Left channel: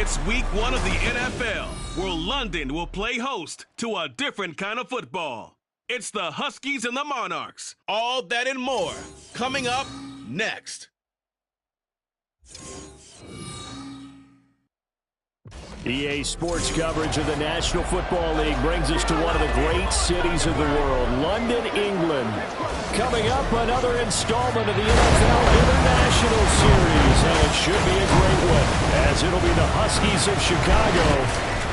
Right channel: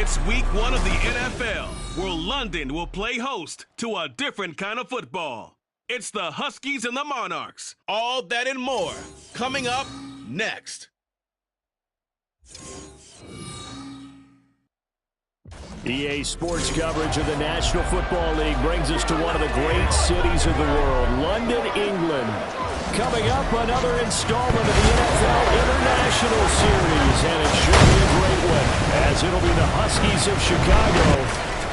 It's week 1 of the NFL, where London will play host to a different kind of football. It's the Huskies and the Monarchs. All that and more coming up next. EA Sports coverage of the National Football League brings us to one of the great cities of the world, London, England. Coming up, another installment of the NFL International Series, and it should be a great one, as it'll be the Huskies of Chicago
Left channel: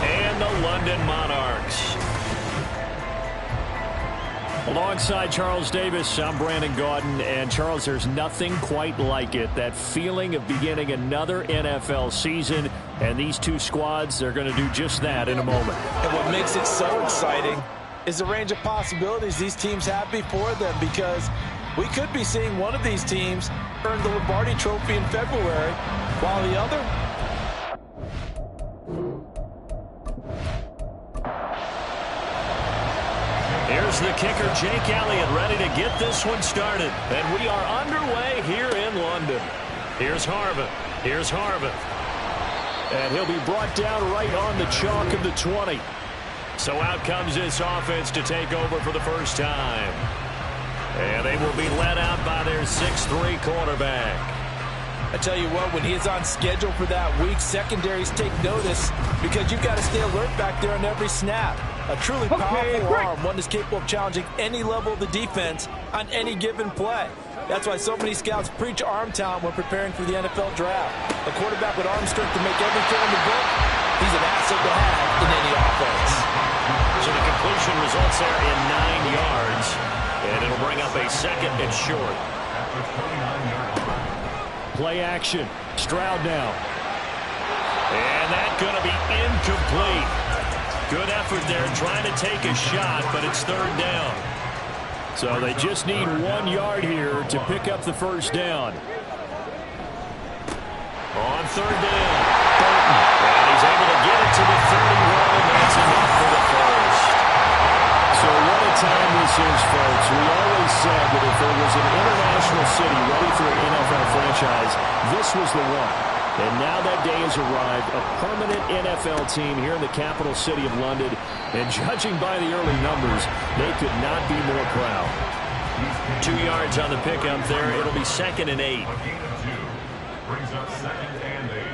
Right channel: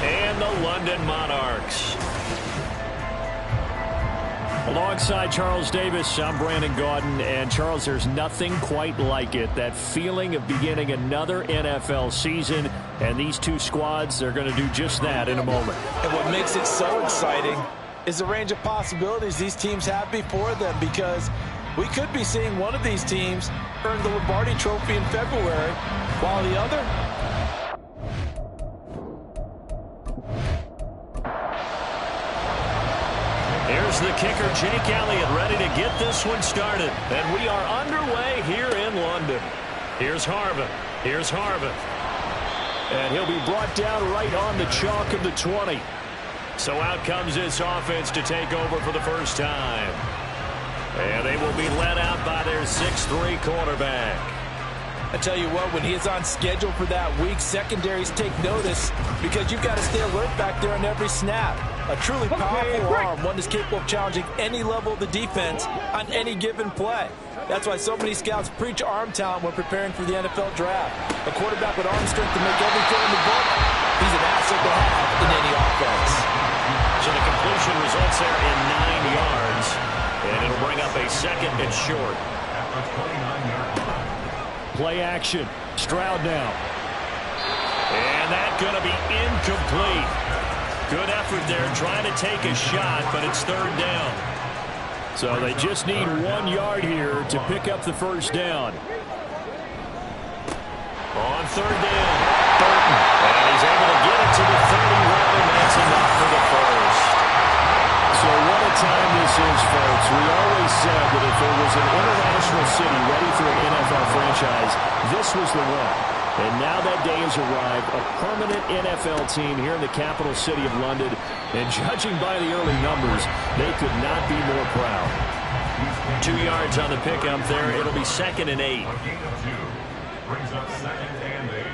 and the London Monarchs. Alongside Charles Davis, I'm Brandon Gaudin, and Charles, there's nothing quite like it. That feeling of beginning another NFL season, and these two squads, they're going to do just that in a moment. And what makes it so exciting is the range of possibilities these teams have before them, because we could be seeing one of these teams earn the Lombardi Trophy in February, while the other... Here's the kicker, Jake Elliott, ready to get this one started. And we are underway here in London. Here's Harvin. Here's Harvin. And he'll be brought down right on the chalk of the 20. So out comes this offense to take over for the first time. And they will be led out by their 6'3" quarterback. I tell you what, when he is on schedule for that week, secondaries take notice, because you've got to stay alert back there on every snap. A truly powerful arm, one that's capable of challenging any level of the defense on any given play. That's why so many scouts preach arm talent when preparing for the NFL draft. A quarterback with arm strength to make every throw in the book, he's an asset to have in any offense. So the completion results there in 9 yards, and it'll bring up a second and short. Play action. Stroud now. And that's going to be incomplete. Good effort there trying to take a shot, but it's third down. So they just need 1 yard here to pick up the first down. On third down, Burton. And he's able to get it to the 31, and that's enough for the first. So what a time this is, folks. We always said that if there was an international city ready for an NFL franchise, this was the one. And now that day has arrived, a permanent NFL team here in the capital city of London. And judging by the early numbers, they could not be more proud. 2 yards on the pickup there. It'll be 2nd and 8. Brings up 2nd and 8.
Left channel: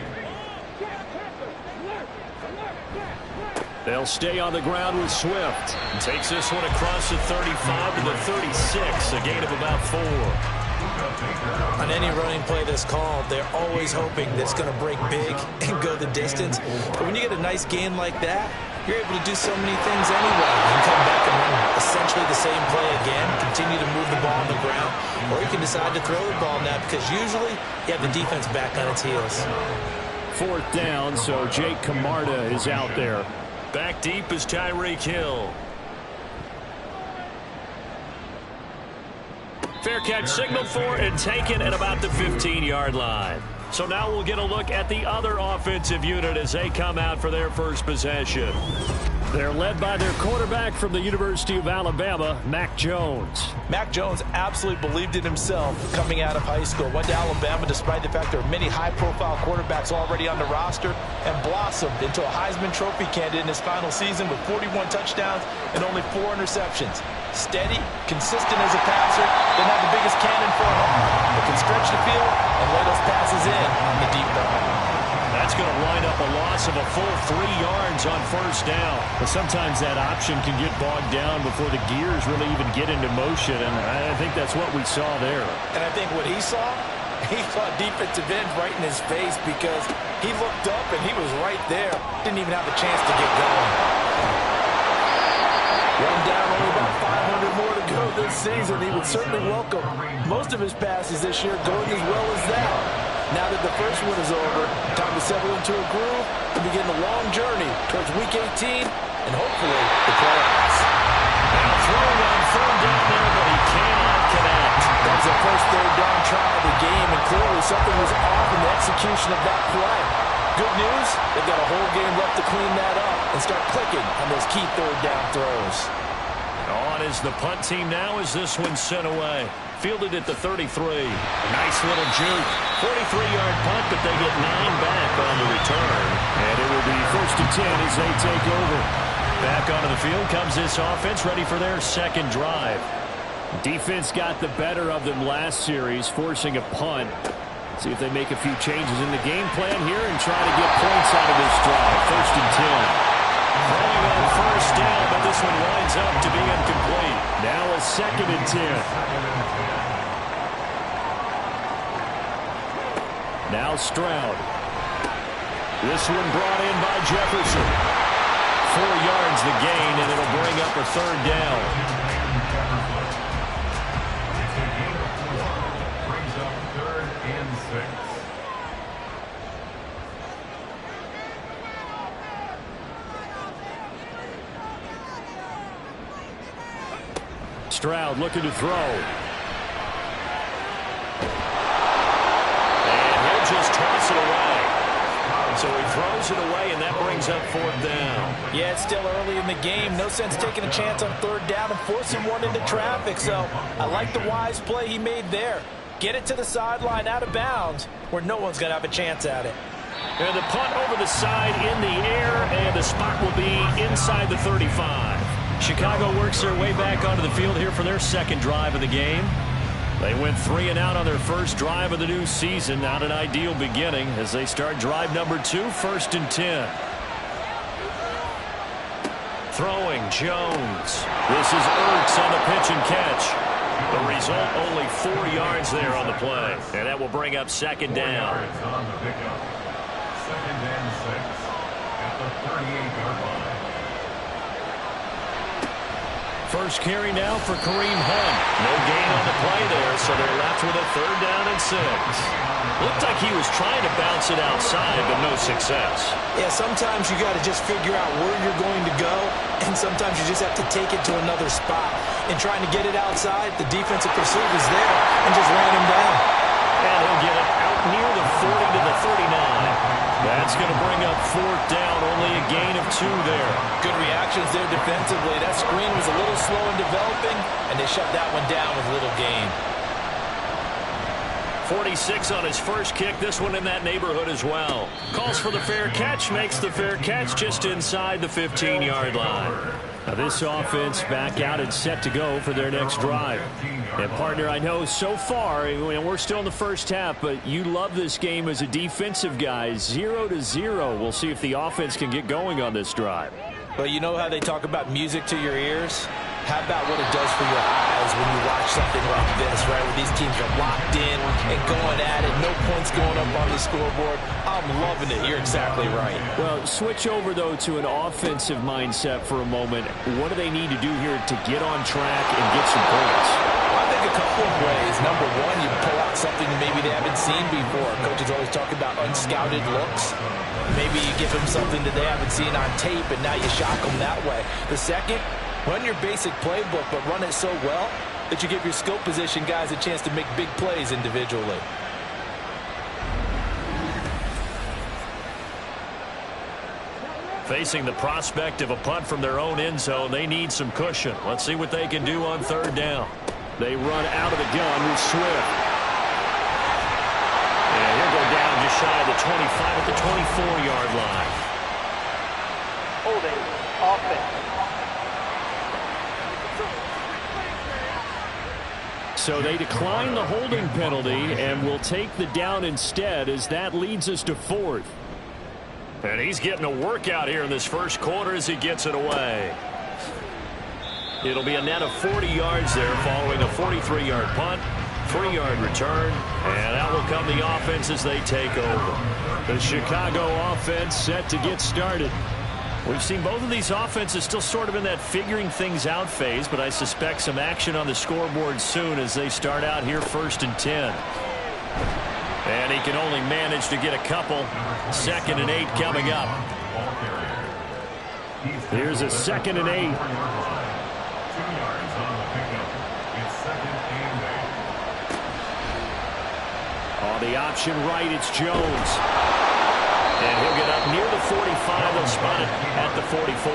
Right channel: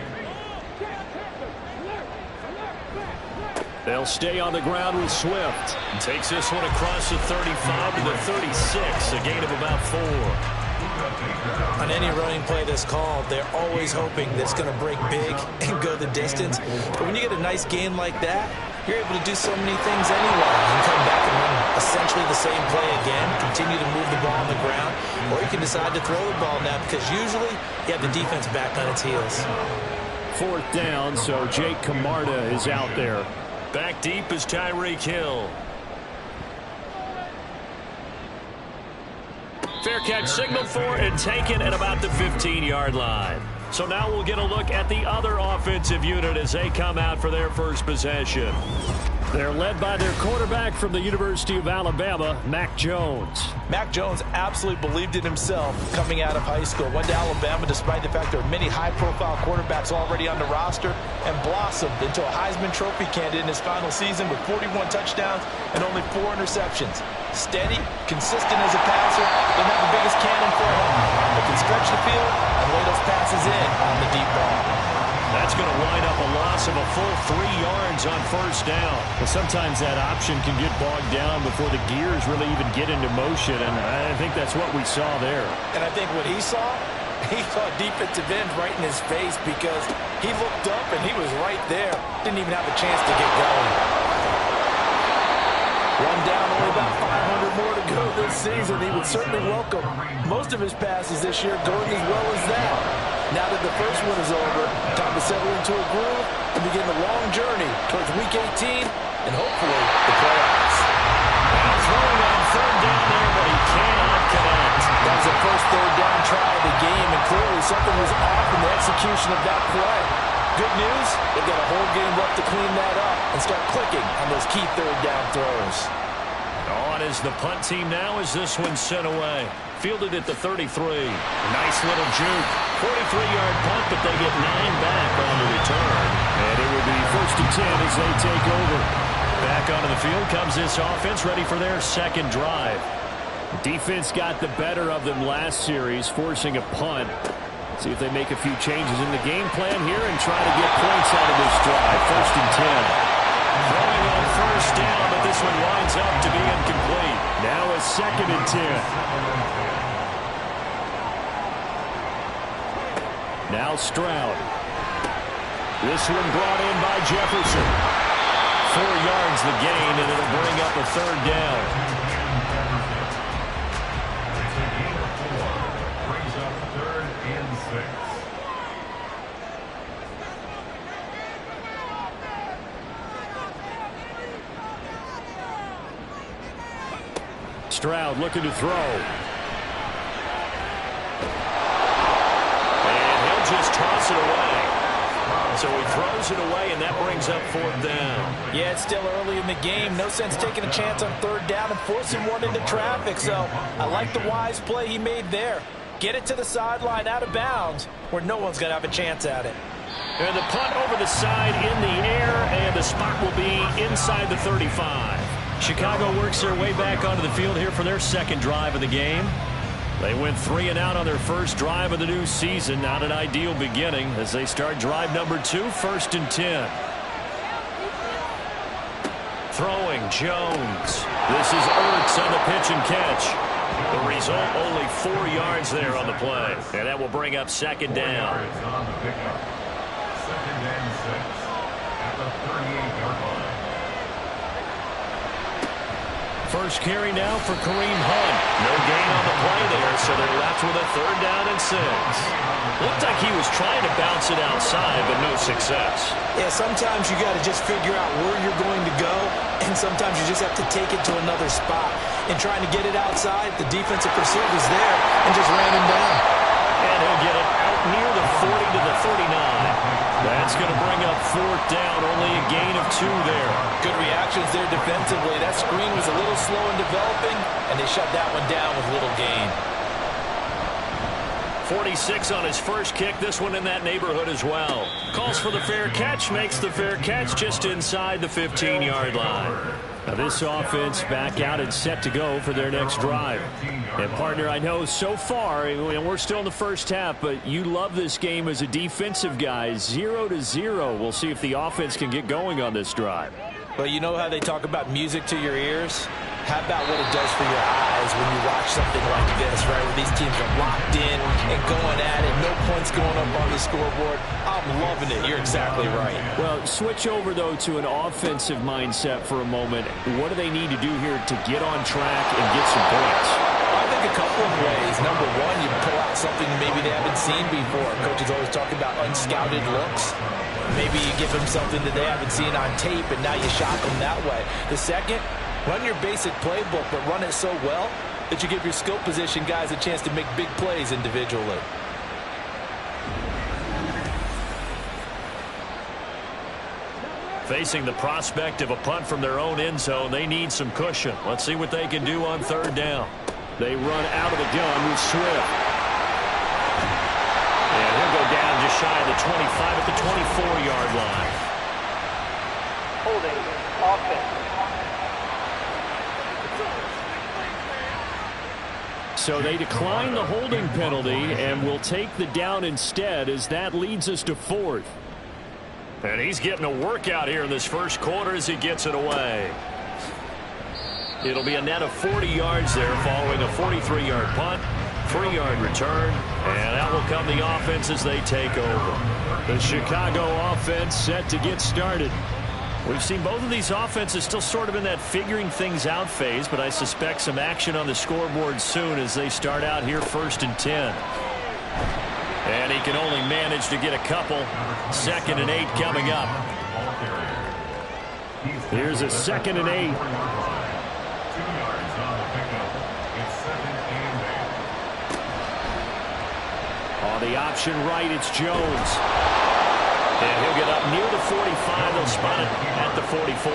They'll stay on the ground with Swift. Takes this one across the 35 to the 36, a gain of about 4. On any running play that's called, they're always hoping that it's going to break big and go the distance. But when you get a nice gain like that, you're able to do so many things anyway. You can come back and run essentially the same play again, continue to move the ball on the ground, or you can decide to throw the ball now, because usually you have the defense back on its heels. 4th down, so Jake Camarda is out there. Back deep is Tyreek Hill. Fair catch signaled for and taken at about the 15-yard line. So now we'll get a look at the other offensive unit as they come out for their first possession. They're led by their quarterback from the University of Alabama, Mac Jones. Mac Jones absolutely believed in himself coming out of high school. Went to Alabama despite the fact there are many high-profile quarterbacks already on the roster, and blossomed into a Heisman Trophy candidate in his final season with 41 touchdowns and only 4 interceptions. Steady, consistent as a passer, doesn't have the biggest cannon for an arm, but can stretch the field and lay those passes in on the deep ball. That's going to wind up a loss of a full 3 yards on first down. But sometimes that option can get bogged down before the gears really even get into motion, and I think that's what we saw there. And I think what he saw a defensive end right in his face, because he looked up and he was right there. Didn't even have a chance to get going. One down, only about 500 more to go this season. He would certainly welcome most of his passes this year going as well as that. Now that the first one is over, time to settle into a groove and begin the long journey towards Week 18 and hopefully the playoffs. Now throwing on third down there, but he cannot connect. That was the first third down try of the game, and clearly something was off in the execution of that play. Good news, they've got a whole game left to clean that up and start clicking on those key third down throws. On is the punt team now as this one's sent away. Fielded at the 33. A nice little juke. 43-yard punt, but they get 9 back on the return. And it will be 1st and 10 as they take over. Back onto the field comes this offense, ready for their second drive. Defense got the better of them last series, forcing a punt. See if they make a few changes in the game plan here and try to get points out of this drive. 1st and 10. Throwing on 1st down, but this one winds up to be incomplete. Now a 2nd and 10. Now Stroud. This one brought in by Jefferson. 4 yards the gain, and it'll bring up a 3rd down. It's a gain of 4. Brings up 3rd and 6. Stroud looking to throw. And he'll just toss it away. So he throws it away, and that brings up 4th down. Yeah, it's still early in the game. No sense taking a chance on 3rd down and forcing one into traffic. So I like the wise play he made there. Get it to the sideline out of bounds where no one's going to have a chance at it. And the punt over the side in the air, and the spot will be inside the 35. Chicago works their way back onto the field here for their second drive of the game. They went 3 and out on their first drive of the new season. Not an ideal beginning as they start drive number 2, 1st and 10. Throwing Jones. This is Ertz on the pitch and catch. The result, only 4 yards there on the play. And that will bring up 2nd down. On the pickup. 2nd and 6 at the 38-yard line. First carry now for Kareem Hunt. No gain on the play there, so they're left with a 3rd down and 6. Looked like he was trying to bounce it outside, but no success. Yeah, sometimes you got to just figure out where you're going to go, and sometimes you just have to take it to another spot. In trying to get it outside, the defensive pursuit was there and just ran him down. And he'll get it out near the 40 to the 39. That's going to bring up 4th down, only a gain of 2 there. Good reactions there defensively. That screen was a little slow in developing, and they shut that one down with little gain. 46 on his first kick, this one in that neighborhood as well. Calls for the fair catch, makes the fair catch just inside the 15-yard line. Now this offense back out and set to go for their next drive. And partner, I know so far, we're still in the first half, but you love this game as a defensive guy. 0-0. We'll see if the offense can get going on this drive. Well, you know how they talk about music to your ears? How about what it does for your eyes when you watch something like this, right, where these teams are locked in and going at it, no points going up on the scoreboard. I'm loving it. You're exactly right. Well, switch over, though, to an offensive mindset for a moment. What do they need to do here to get on track and get some points? I think a couple of ways. Number one, you pull out something maybe they haven't seen before. Coaches always talk about unscouted looks. Maybe you give them something that they haven't seen on tape, and now you shock them that way. The second, run your basic playbook, but run it so well that you give your skill position guys a chance to make big plays individually. Facing the prospect of a punt from their own end zone, they need some cushion. Let's see what they can do on 3rd down. They run out of the gun with Swift. And he'll go down just shy of the 25 at the 24-yard line. Holding offense. So they decline the holding penalty and will take the down instead, as that leads us to 4th. And he's getting a workout here in this first quarter as he gets it away. It'll be a net of 40 yards there following a 43-yard punt, 3-yard return, and out will come the offense as they take over. The Chicago offense set to get started. We've seen both of these offenses still sort of in that figuring things out phase, but I suspect some action on the scoreboard soon as they start out here 1st and 10. And he can only manage to get a couple. 2nd and 8 coming up. Here's a 2nd and 8. 2 yards on the pickup. It's 2nd and 8. On the option right, it's Jones. And he'll get up near the 45. They'll spot it at the 44.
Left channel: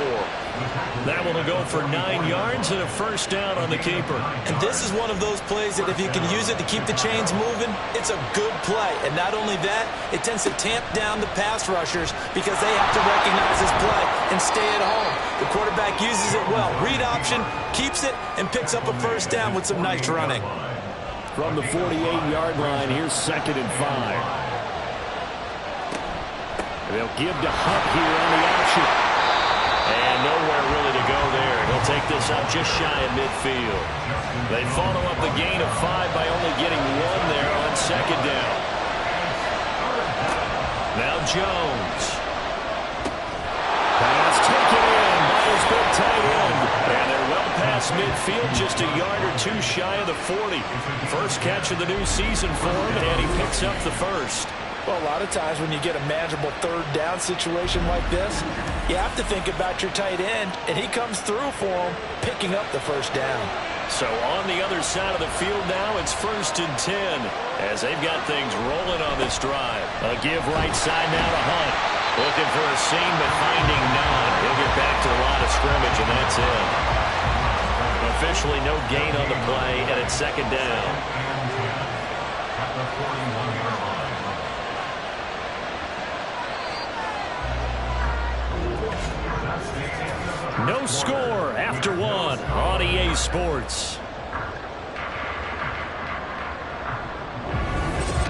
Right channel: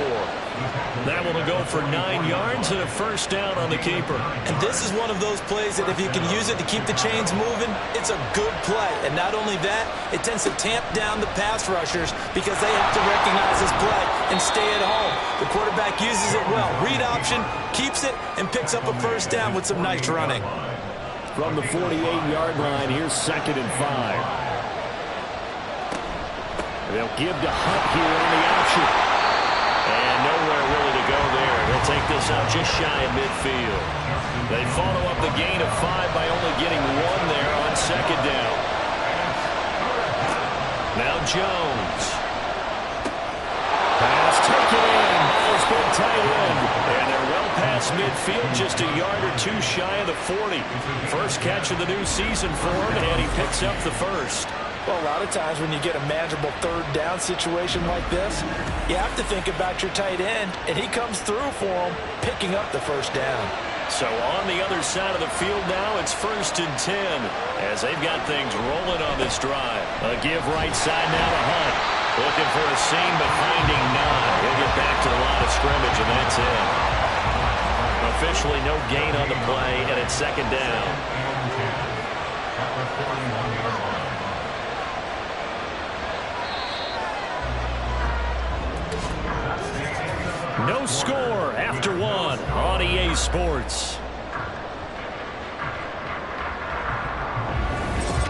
That one will go for 9 yards and a first down on the keeper. And this is one of those plays that if you can use it to keep the chains moving, it's a good play. And not only that, it tends to tamp down the pass rushers because they have to recognize this play and stay at home. The quarterback uses it well. Read option, keeps it, and picks up a first down with some nice running. From the 48-yard line, here's 2nd and 5. They'll give to Hunt here on the option. And nowhere really to go there. He'll take this out just shy of midfield. They follow up the gain of 5 by only getting 1 there on 2nd down. Now Jones. Pass taken in by his big tight end. And they're well past midfield, just a yard or 2 shy of the 40. First catch of the new season for him, and he picks up the first. Well, a lot of times when you get a manageable 3rd down situation like this, you have to think about your tight end, and he comes through for him, picking up the first down. So on the other side of the field now, it's 1st and 10 as they've got things rolling on this drive. A give right side now to Hunt. Looking for a seam, but finding none. He'll get back to the line of scrimmage, and that's it. Officially no gain on the play, and it's 2nd down. At the 41-yard line. No score after 1 on EA Sports.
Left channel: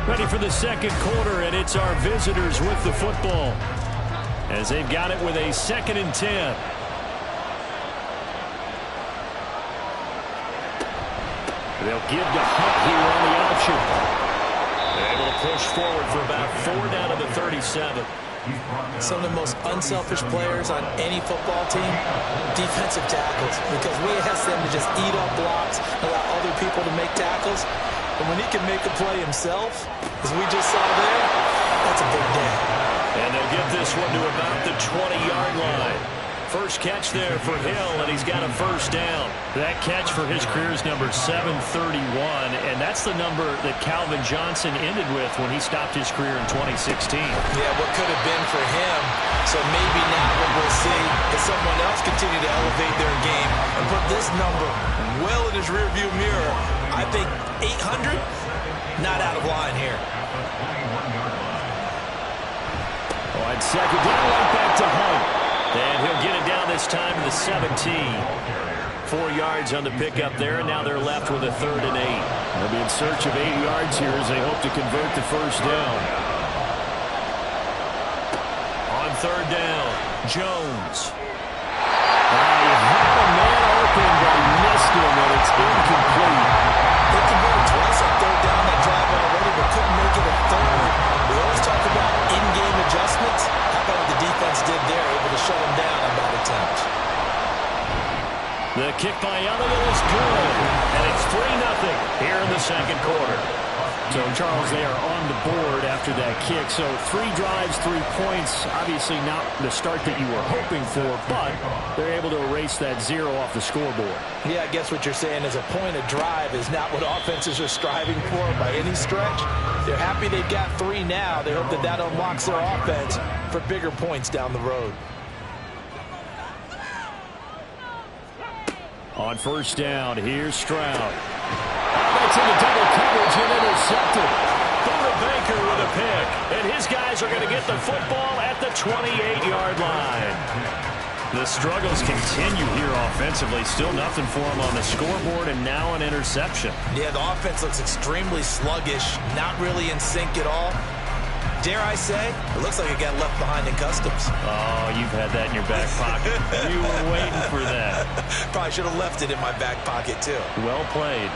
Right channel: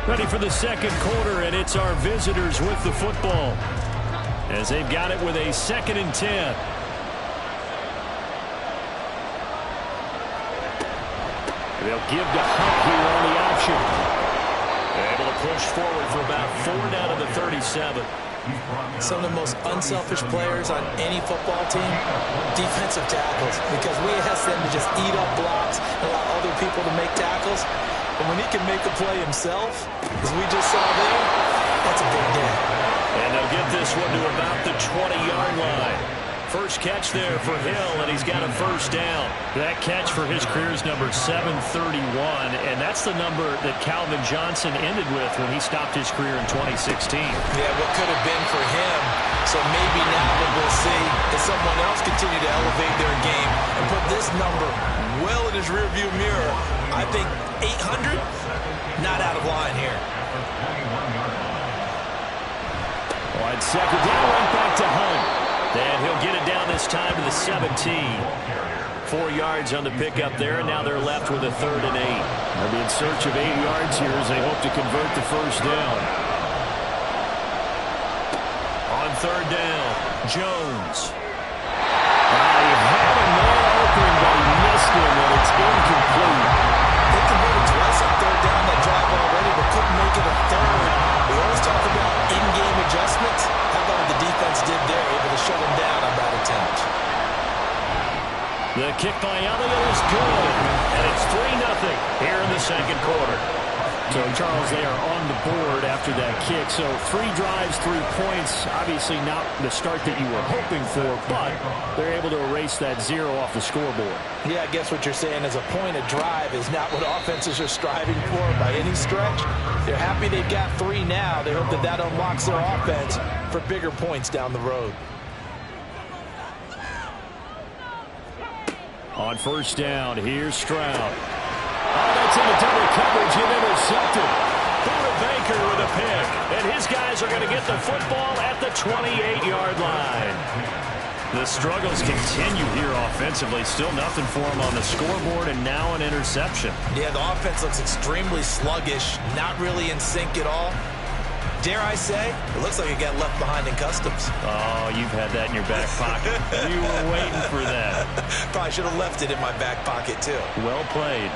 Ready for the 2nd quarter, and it's our visitors with the football as they've got it with a 2nd and 10. They'll give to Hunt here on the option. They're able to push forward for about 4 down to the 37. Some of the most unselfish players on any football team, defensive tackles, because we ask them to just eat up blocks and allow other people to make tackles. But when he can make a play himself, as we just saw there, that's a big day. And they'll get this one to about the 20-yard line. First catch there for Hill, and he's got a first down. That catch for his career is number 731, and that's the number that Calvin Johnson ended with when he stopped his career in 2016. Yeah, what could have been for him. So maybe now what we'll see is someone else continue to elevate their game and put this number well in his rearview mirror. I think 800, not out of line here. On 2nd down, right back to Hunt. And he'll get it down this time to the 17. 4 yards on the pickup there, and now they're left with a 3rd and 8. They'll be in search of 8 yards here as they hope to convert the first down. On 3rd down, Jones. He had a man open, but he missed him, and it's incomplete. They converted twice on 3rd down that drive already, but couldn't make it a 3rd. We always talk about in-game adjustments. How about what the defense did there, able to shut him down on that attempt? The kick by Elliott is good, and it's 3-0 here in the 2nd quarter. So, Charles, they are on the board after that kick. So 3 drives, 3 points. Obviously not the start that you were hoping for, but they're able to erase that 0 off the scoreboard. Yeah, I guess what you're saying is a point of drive is not what offenses are striving for by any stretch. They're happy they've got 3 now. They hope that that unlocks their offense for bigger points down the road. On 1st down, here's Stroud. Oh, that's into double coverage and intercepted. Buda Baker with a pick. And his guys are going to get the football at the 28-yard line. The struggles continue here offensively. Still nothing for him on the scoreboard, and now an interception. Yeah, the offense looks extremely sluggish, not really in sync at all. Dare I say, it looks like it got left behind in customs. Oh, you've had that in your back pocket. You were waiting for that. Probably should have left it in my back pocket, too. Well played.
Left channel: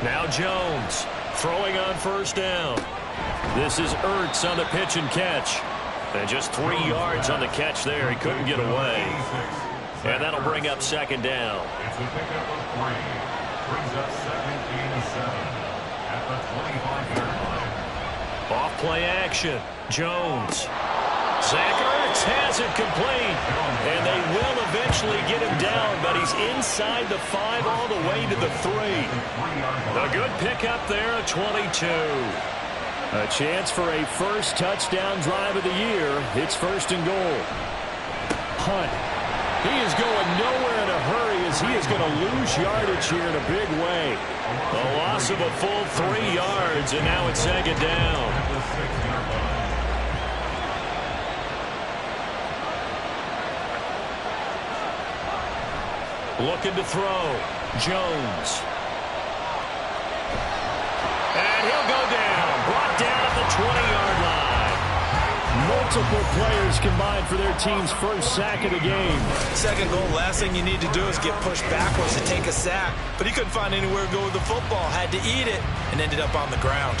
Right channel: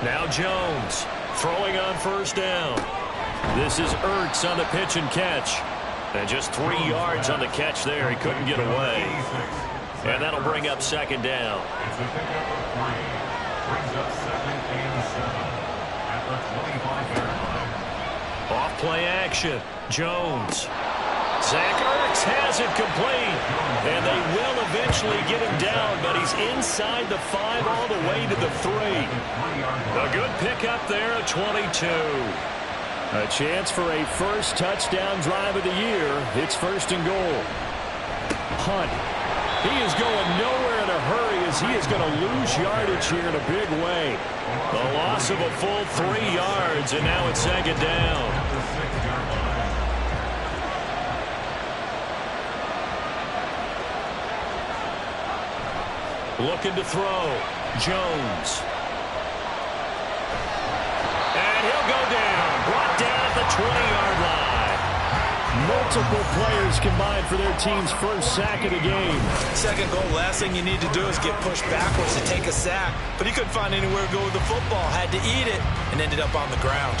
Now Jones throwing on 1st down. This is Ertz on the pitch and catch. And just 3 yards on the catch there. He couldn't get away. And that'll bring up 2nd down. It's a pickup of 3. Brings up 2nd and 7 at the 25-yard line. Off play action. Jones. Zach Ertz has it complete. And they will eventually get him down, but he's inside the 5 all the way to the 3. A good pickup there, a 22. A chance for a first touchdown drive of the year. It's 1st and goal. Hunt. He is going nowhere in a hurry as he is going to lose yardage here in a big way. A loss of a full 3 yards, and now it's 2nd down. Looking to throw. Jones. And he'll go down. Brought down at the 20-yard line. Multiple players combined for their team's first sack of the game. 2nd goal, last thing you need to do is get pushed backwards to take a sack. But he couldn't find anywhere to go with the football. Had to eat it and ended up on the ground.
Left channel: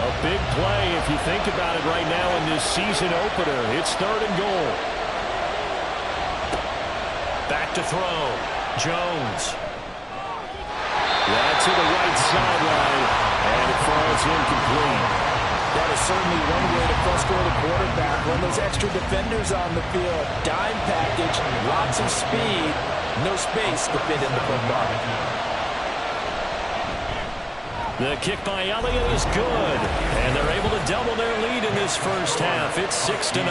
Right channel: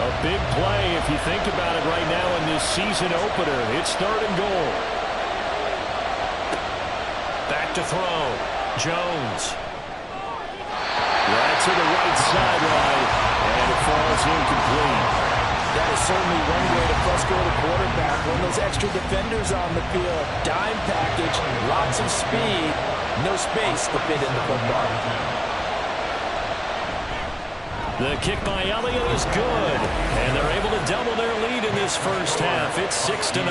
A big play if you think about it right now in this season opener. It's 3rd and goal. Back to throw. Jones. That's to the right sideline, and it falls incomplete. That is certainly one way to frustrate a quarterback. Run those extra defenders on the field. Dime package, lots of speed, no space to fit in the football. The kick by Elliott is good, and they're able to double their lead in this first half. It's 6-0.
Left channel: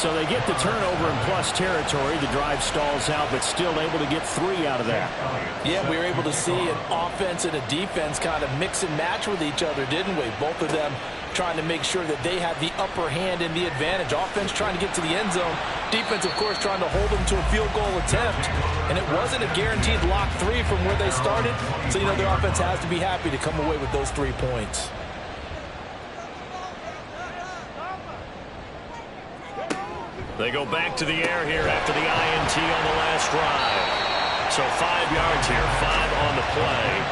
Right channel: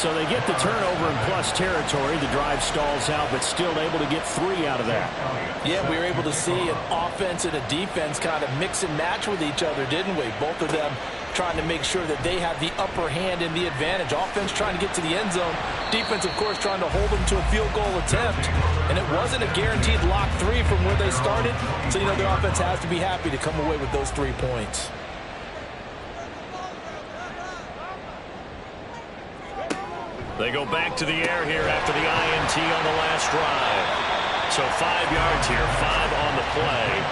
So they get the turnover in plus territory. The drive stalls out, but still able to get 3 out of that. Yeah, we were able to see an offense and a defense kind of mix and match with each other, didn't we? Both of them trying to make sure that they had the upper hand and the advantage. Offense trying to get to the end zone. Defense, of course, trying to hold them to a field goal attempt. And it wasn't a guaranteed lock 3 from where they started. So, you know, the offense has to be happy to come away with those 3 points. They go back to the air here after the INT on the last drive. So 5 yards here, 5 on the play,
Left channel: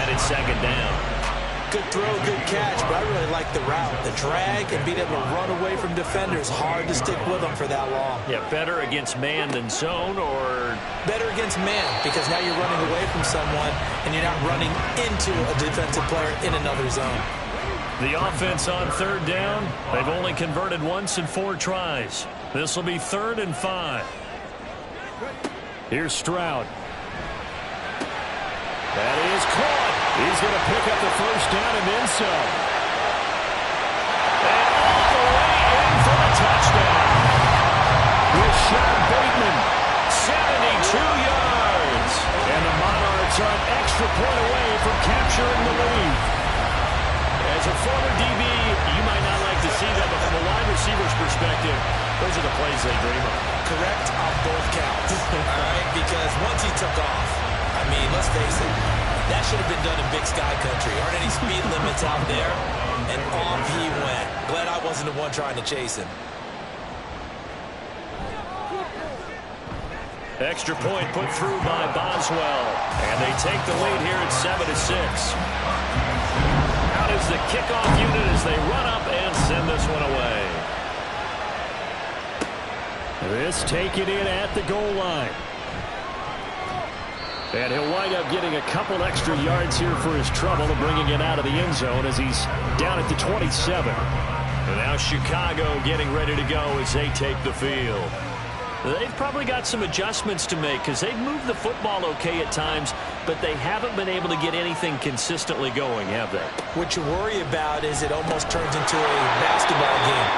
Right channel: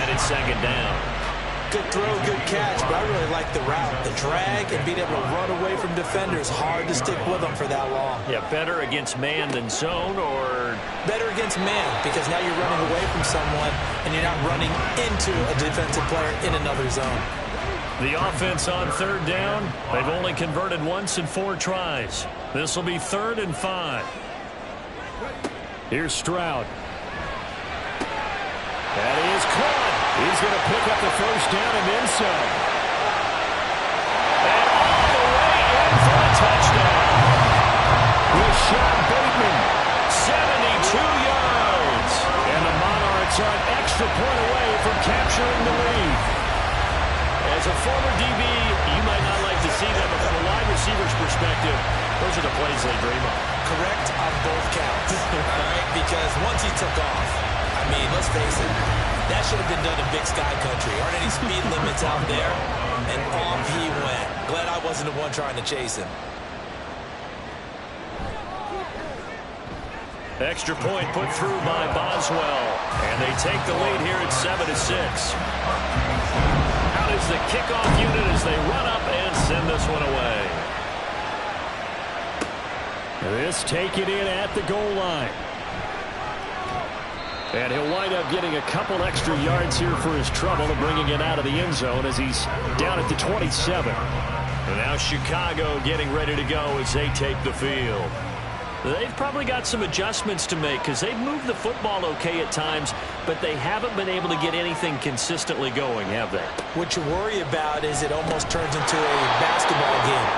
and it's 2nd down. Good throw, good catch, but I really like the route. The drag and being able to run away from defenders. Hard to stick with them for that long. Yeah, better against man than zone, or? Better against man, because now you're running away from someone and you're not running into a defensive player in another zone. The offense on 3rd down, they've only converted once in 4 tries. This will be 3rd and 5. Here's Stroud. That is caught. He's going to pick up the first down and then some. And all the way in for the touchdown. With Sean Bateman, 72 yards. And the Monarchs are an extra point away from capturing the lead. As a former DB, you might not like to see that, but from a wide receiver's perspective, those are the plays they dream of. Correct on both counts, all right? Because once he took off, I mean, let's face it, that should have been done in Big Sky Country. Aren't any speed limits out there? And off he went. Glad I wasn't the one trying to chase him. Extra point put through by Boswell. And they take the lead here at 7-6. Out is the kickoff unit as they run up and send this one away. This take it in at the goal line. And he'll wind up getting a couple extra yards here for his trouble and bringing it out of the end zone as he's down at the 27. And now Chicago getting ready to go as they take the field. They've probably got some adjustments to make because they've moved the football okay at times, but they haven't been able to get anything consistently going, have they? What you worry about is it almost turns into a basketball game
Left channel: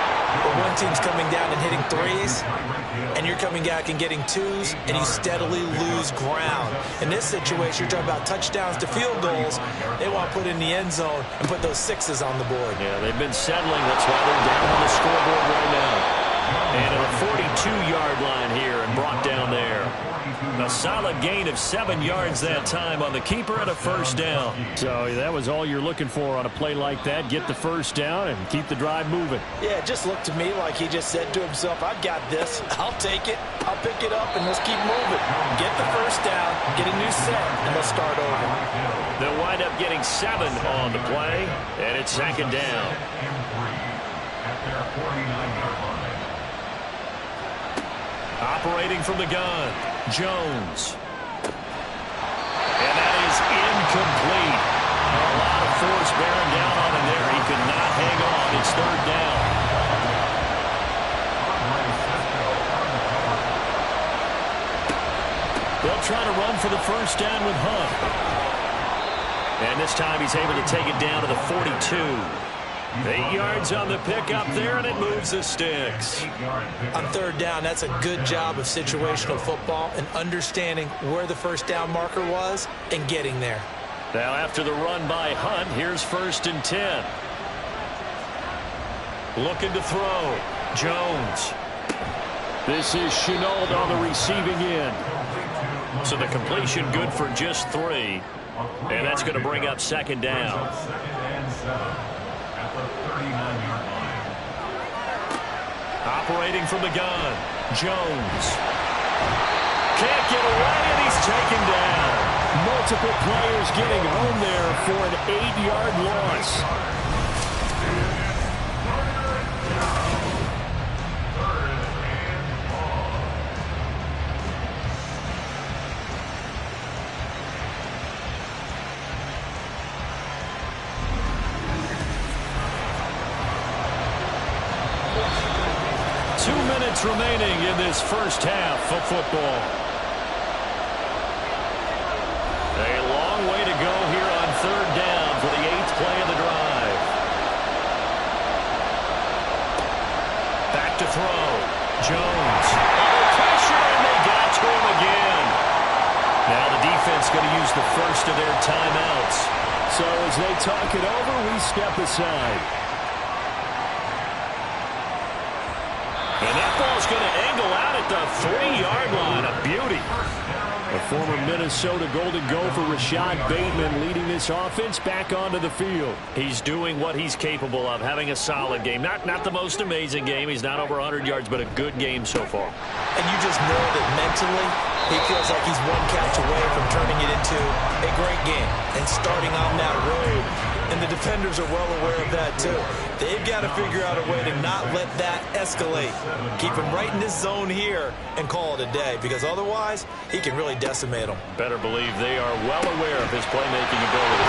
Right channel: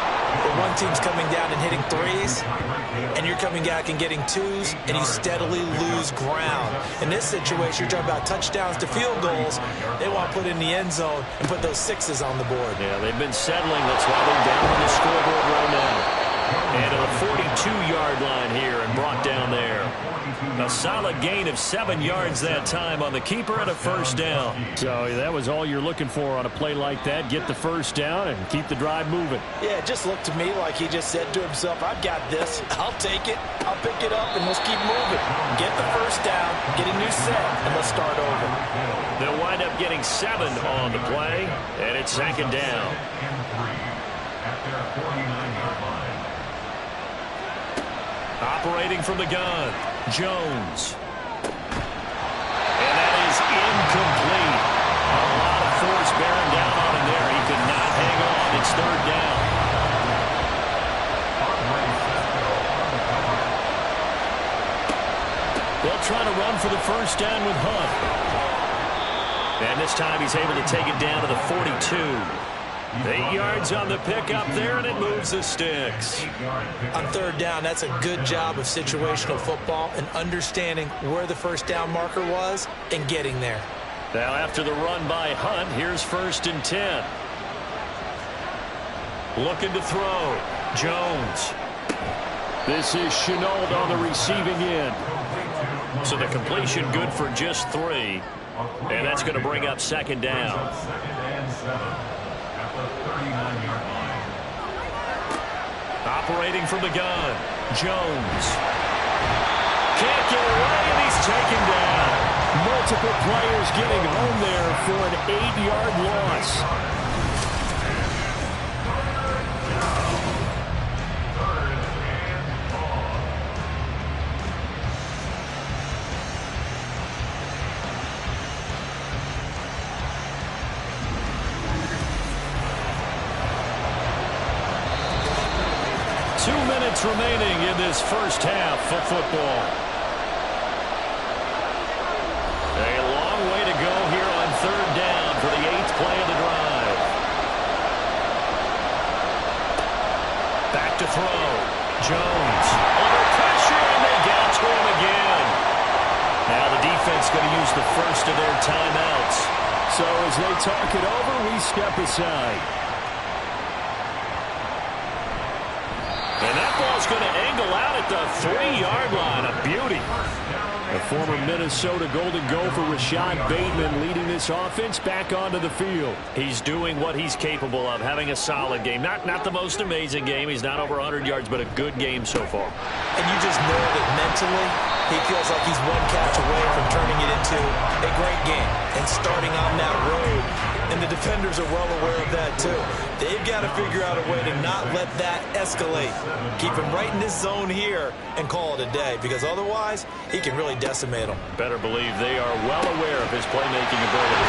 where one team's coming down and hitting 3s, and you're coming back and getting 2s, and you steadily lose ground. In this situation, you're talking about touchdowns to field goals. They want to put in the end zone and put those 6s on the board. Yeah, they've been settling. That's why they're down on the scoreboard right now. And to the 42-yard line here and brought down there. A solid gain of 7 yards that time on the keeper and a first down. So that was all you're looking for on a play like that. Get the first down and keep the drive moving. Yeah, it just looked to me like he just said to himself, I've got this. I'll take it. I'll pick it up, and let's keep moving. Get the first down, get a new set, and let's start over. They'll wind up getting 7 on the play, and it's 2nd down. At their 49-yard line. Operating from the gun, Jones. And that is incomplete. A lot of force bearing down on him there. He could not hang on. It's 3rd down. They'll try to run for the first down with Hunt. And this time he's able to take it down to the 42. 8 yards on the pickup there, and it moves the sticks. On third down, that's a good job of situational football and understanding where the first down marker was and getting there. Now after the run by Hunt, here's 1st and 10. Looking to throw. Jones. This is Chenault on the receiving end. So the completion good for just 3. And that's going to bring up 2nd down. 2nd and 7 at the 39-yard line. Operating from the gun. Jones. Can't get away, and he's taken down. Multiple players getting home there for an 8-yard loss. 3rd and long. Two minutes remaining in this first half of football. A long way to go here on 3rd down for the 8th play of the drive. Back to throw. Jones under pressure, and they got to him again. Now the defense going to use the first of their timeouts. So as they talk it over, we step aside. And that ball's going to angle out at the 3-yard line. A beauty. The former Minnesota Golden Gopher Rashad Bateman leading this offense back onto the field. He's doing what he's capable of, having a solid game. Not the most amazing game. He's not over 100 yards, but a good game so far. And you just know that mentally he feels like he's one catch away from turning it into a great game and starting on that road. And the defenders are well aware of that too. They've got to figure out a way to not let that escalate. Keep him right in this zone here and call it a day, because otherwise he can really decimate them. Better believe they are well aware of his playmaking ability.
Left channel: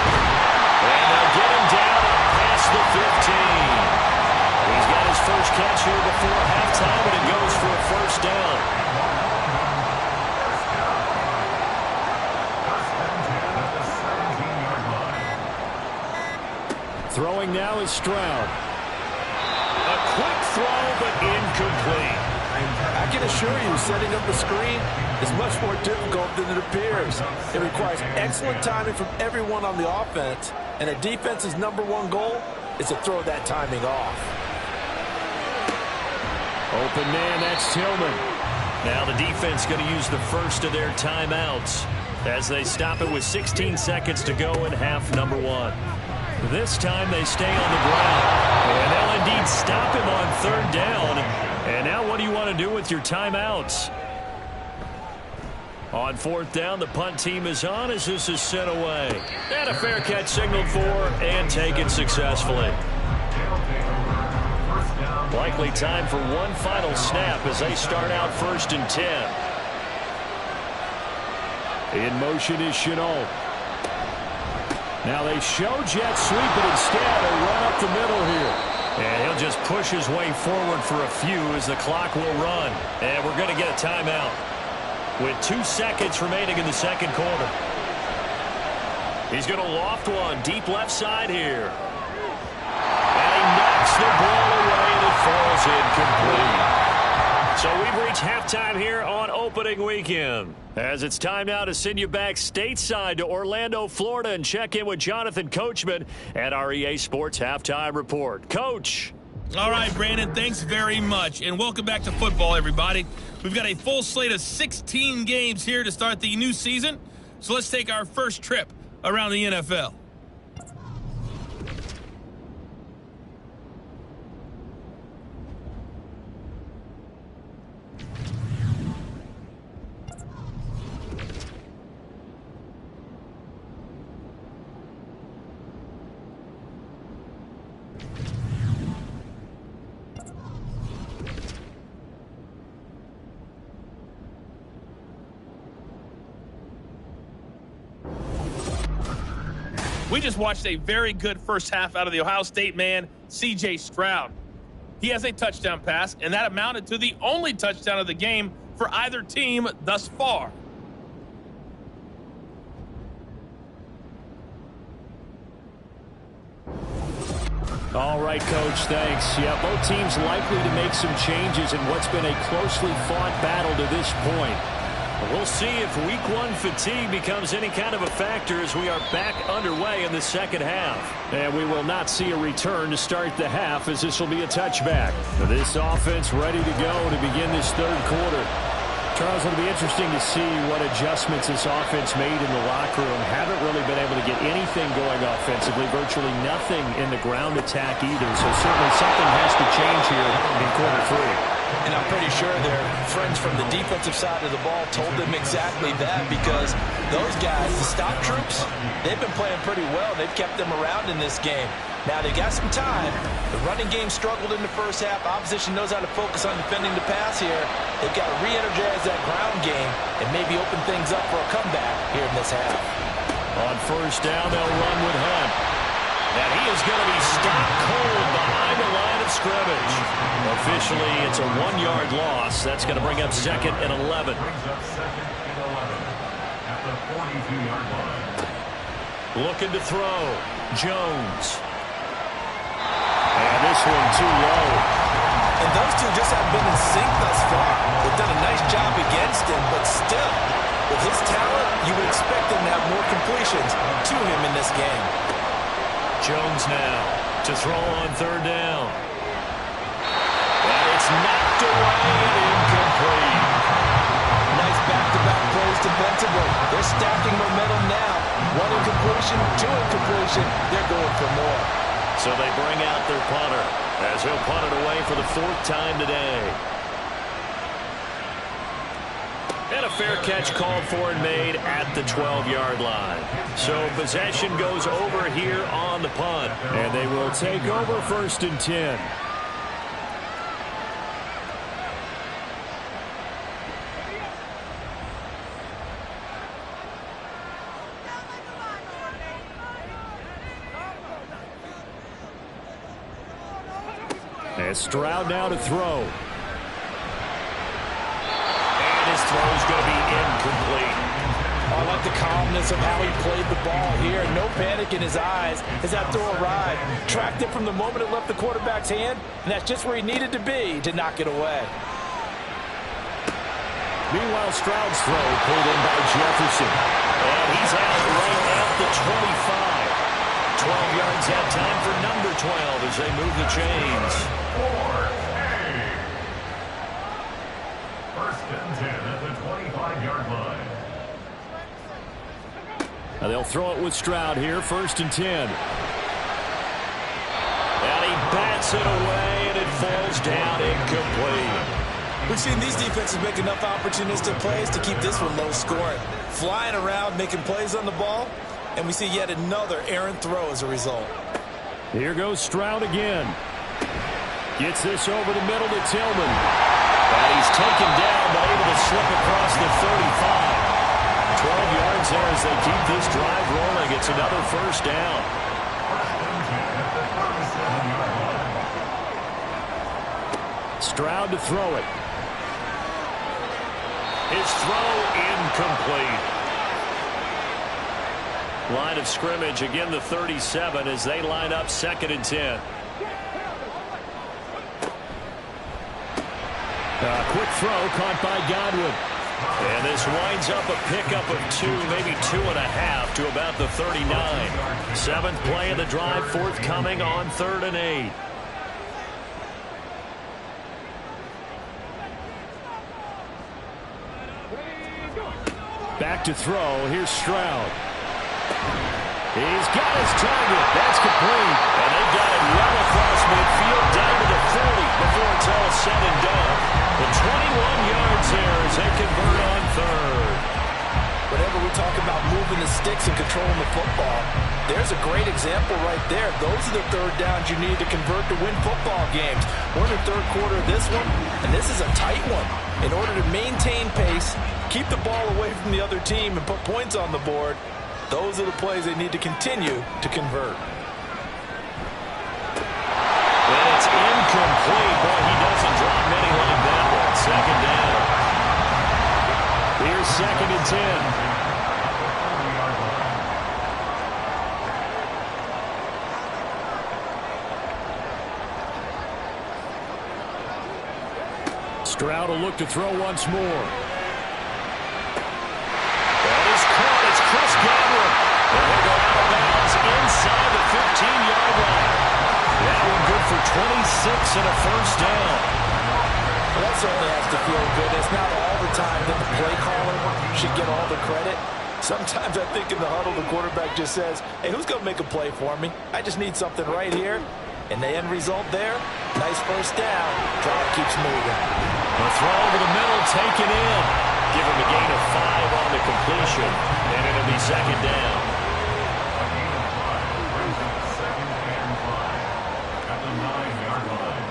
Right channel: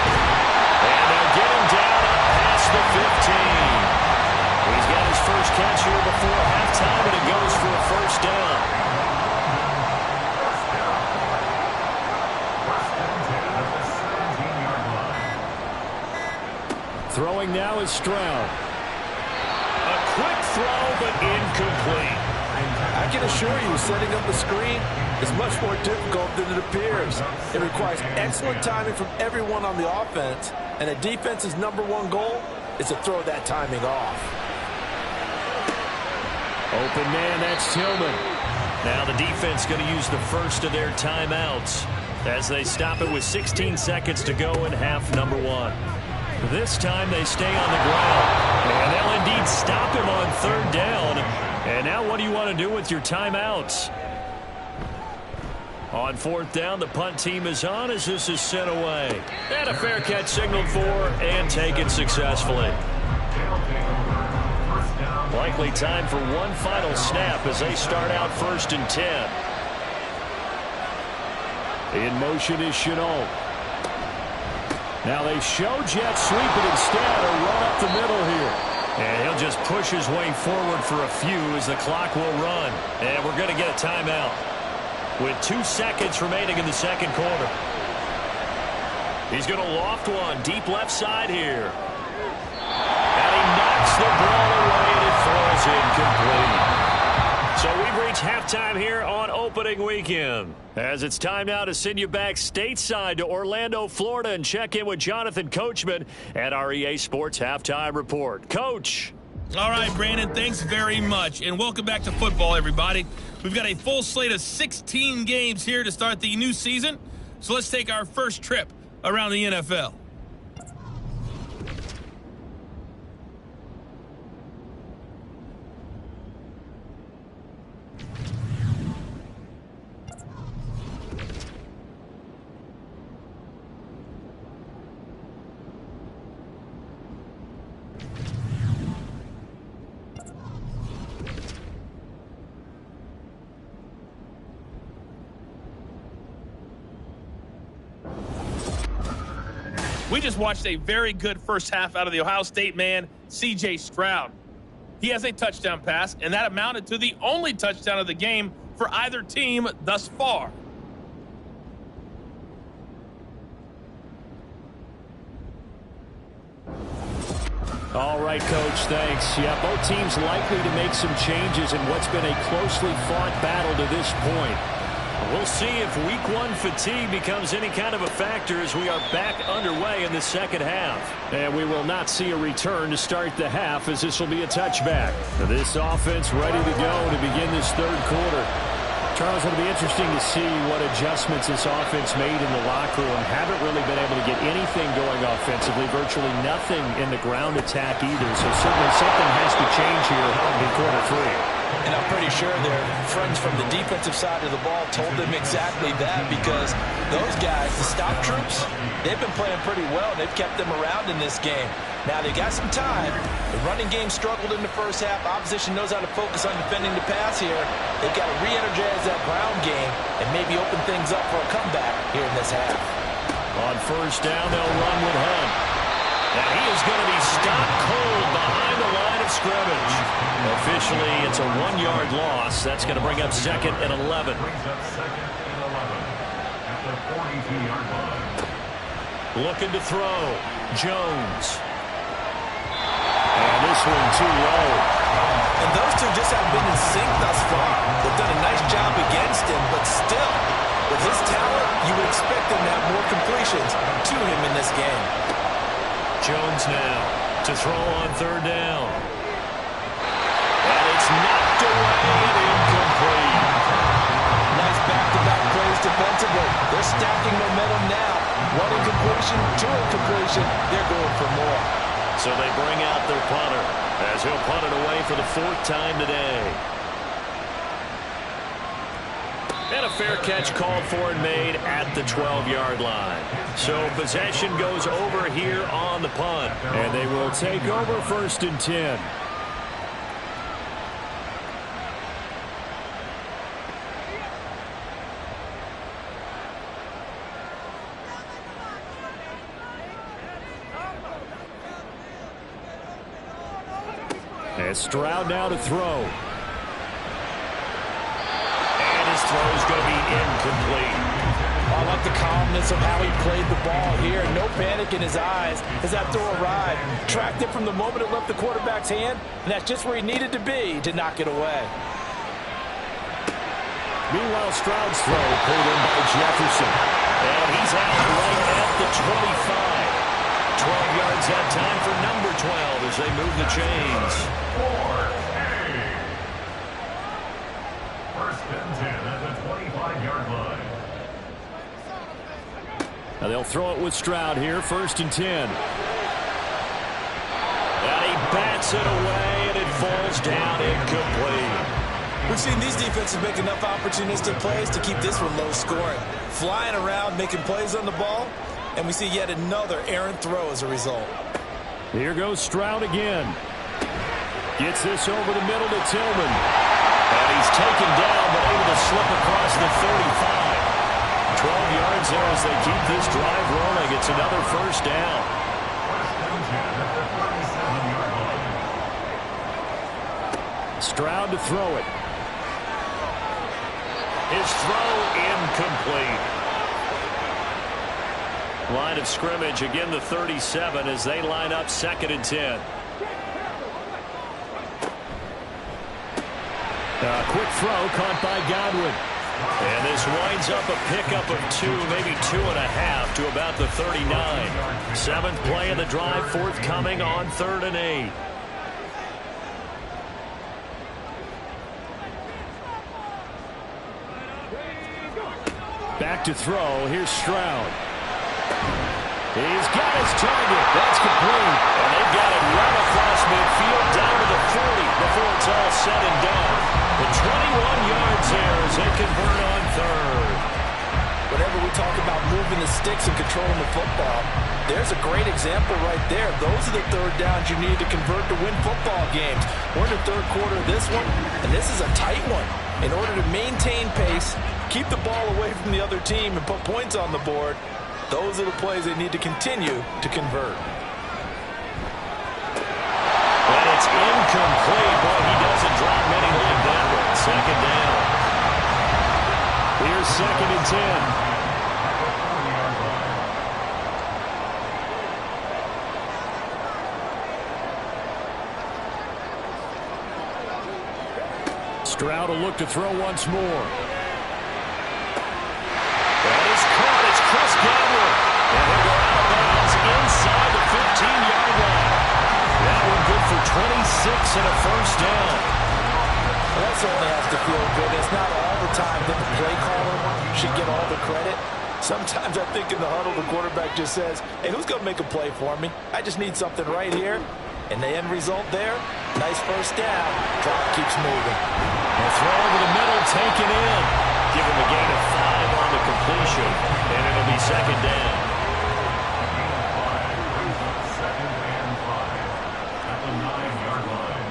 And they'll get him down up past the 15. He's got his first catch here before halftime, and it goes for a first down. Throwing now is Stroud. A quick throw, but incomplete. I can assure you, setting up the screen is much more difficult than it appears. It requires excellent timing from everyone on the offense, and a defense's #1 goal is to throw that timing off. Open man, that's Tillman. Now the defense going to use the first of their timeouts as they stop it with 16 seconds to go in half number 1. This time they stay on the ground, and they'll indeed stop him on 3rd down. And now what do you want to do with your timeouts? On 4th down, the punt team is on as this is sent away. And a fair catch signaled for and taken successfully. Likely time for one final snap as they start out 1st and 10. In motion is Chenault. Now they show jet sweep, but instead a run up the middle here. And he'll just push his way forward for a few as the clock will run. And we're going to get a timeout with 2 seconds remaining in the 2nd quarter. He's going to loft one deep left side here. And he knocks the ball away, and it falls incomplete. So we've reached halftime here on opening weekend. As it's time now to send you back stateside to Orlando, Florida, and check in with Jonathan Coachman at our EA Sports Halftime Report. Coach. All right, Brandon, thanks very much. And welcome back to football, everybody. We've got a full slate of 16 games here to start the new season. So let's take our first trip around the NFL. We just watched a very good first half out of the Ohio State man, C.J. Stroud. He has a touchdown pass, and that amounted to the only touchdown of the game for either team thus far. All right, Coach, thanks. Yeah, both teams likely to make some changes in what's been a closely fought battle to this point. We'll see if Week 1 fatigue becomes any kind of a factor as we are back underway in the second half. And we will not see a return to start the half, as this will be a touchback. This offense ready to go to begin this third quarter. Charles, it'll be interesting to see what adjustments this offense made in the locker room. Haven't really been able to get anything going offensively, virtually nothing in the ground attack either. So certainly something has to change here in quarter 3. And I'm pretty sure their friends from the defensive side of the ball told them exactly that, because those guys, the stop troops, they've been playing pretty well, and they've kept them around in this game. Now, they got some time. The running game struggled in the first half. Opposition knows how to focus on defending the pass here. They've got to re-energize that ground game and maybe open things up for a comeback here in this half. On first down, they'll run with Hunt. And he is going to be stopped cold behind the line of scrimmage. Officially, it's a 1-yard loss. That's going to bring up 2nd and 11. Brings up 2nd and 11 at the 42-yard line. Looking to throw. Jones. And this one too low. And those two just haven't been in sync thus far. They've done a nice job against him, but still, with his talent, you would expect him to have more completions to him in this game. Jones now to throw on third down. And it's knocked away and incomplete. Nice back-to-back plays defensively. They're stacking momentum now. 1 incompletion, 2 incompletion. They're going for more. So they bring out their punter as he'll punt it away for the 4th time today. And a fair catch called for and made at the 12-yard line. So possession goes over here on the punt. And they will take over 1st and 10. And Stroud now to throw. And his throw's going to be incomplete. I like the calmness of how he played the ball here. No panic in his eyes as that throw arrived. Tracked it from the moment it left the quarterback's hand, and that's just where he needed to be to knock it away. Meanwhile, Stroud's throw pulled in by Jefferson. And he's out right at the 25. 12 yards that time for number 12 as they move the chains. 4A. 1st and 10 at the 25-yard line. Now they'll throw it with Stroud here, 1st and 10. And he bats it away, and it falls down incomplete. We've seen these defenses make enough opportunistic plays to keep this one low scoring. Flying around, making plays on the ball, and we see yet another errant throw as a result. Here goes Stroud again. Gets this over the middle to Tillman. And he's taken down, but able to slip across the 35. 12 yards there as they keep this drive rolling. It's another 1st down. 1st and 10 at the 37-yard line. Stroud to throw it. His throw incomplete. Line of scrimmage, again the 37 as they line up 2nd and 10. Quick throw caught by Godwin. And this winds up a pickup of 2, maybe 2.5 to about the 39. 7th play of the drive forthcoming on 3rd and 8. Back to throw. Here's Stroud. He's got his target. That's complete. And they've got it well across midfield down to the 40 before it's all said and done. The 21 yards there as they convert on 3rd. Whenever we talk about moving the sticks and controlling the football, there's a great example right there. Those are the 3rd downs you need to convert to win football games. We're in the 3rd quarter of this one, and this is a tight one. In order to maintain pace, keep the ball away from the other team, and put points on the board, those are the plays they need to continue to convert. And it's incomplete. Boy, he doesn't drop many like that one. 2nd down. Here's 2nd and 10. Stroud will look to throw once more. That is caught. It's Chris Godwin. And he'll go out of bounds inside the 15-yard line. That one good for 26 and a first down. Well, that certainly has to feel good. It's not all the time that the play caller should get all the credit. Sometimes I think in the huddle, the quarterback just says, hey, who's going to make a play for me? I just need something right here. And the end result there, nice first down. Drive keeps moving. A throw over the middle, taken in. Give him a gain of 5 on the completion, and it'll be second down. A gain of 5 brings up 2nd and 5 at the 9-yard line.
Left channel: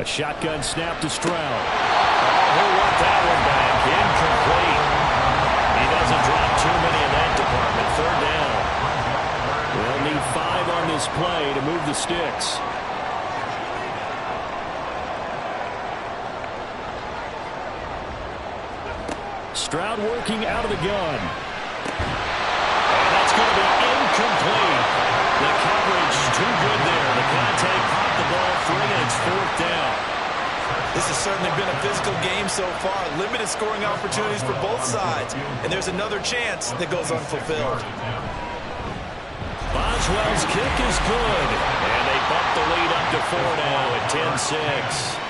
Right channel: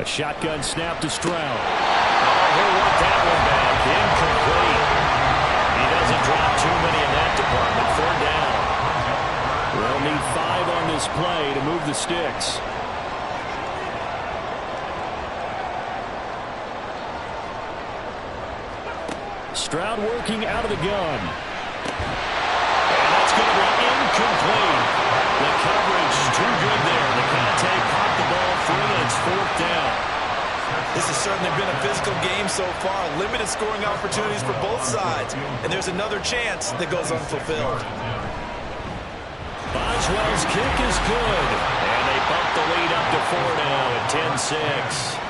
A shotgun snap to Stroud. Oh, he'll want that one back. Incomplete. He doesn't drop too many in that department. Third down. They'll need 5 on this play to move the sticks. Stroud working out of the gun. And that's going to be incomplete. The coverage too good there. The contact popped the ball free, and it's 4th down. This has certainly been a physical game so far. Limited scoring opportunities for both sides. And there's another chance that goes unfulfilled. Boswell's kick is good. And they bump the lead up to 4 now at 10-6.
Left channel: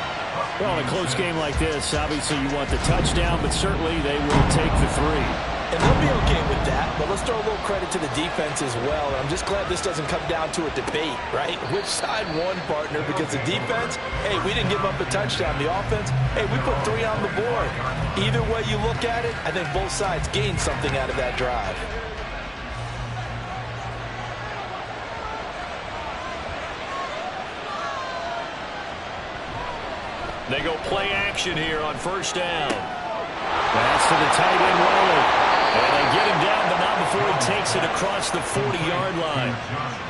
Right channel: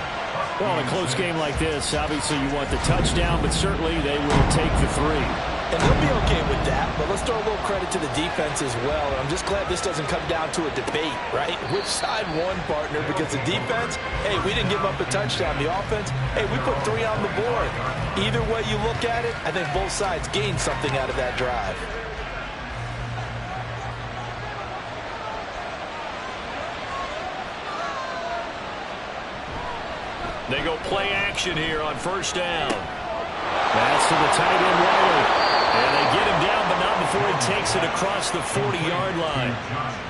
Well, in a close game like this, obviously you want the touchdown, but certainly they will take the 3. And they'll be okay with that, but let's throw a little credit to the defense as well. And I'm just glad this doesn't come down to a debate, right? Which side won, partner? Because the defense, hey, we didn't give up a touchdown. The offense, hey, we put 3 on the board. Either way you look at it, I think both sides gained something out of that drive. They go play action here on first down. Pass to the tight end, Wiley. And they get him down, but not before he takes it across the 40-yard line.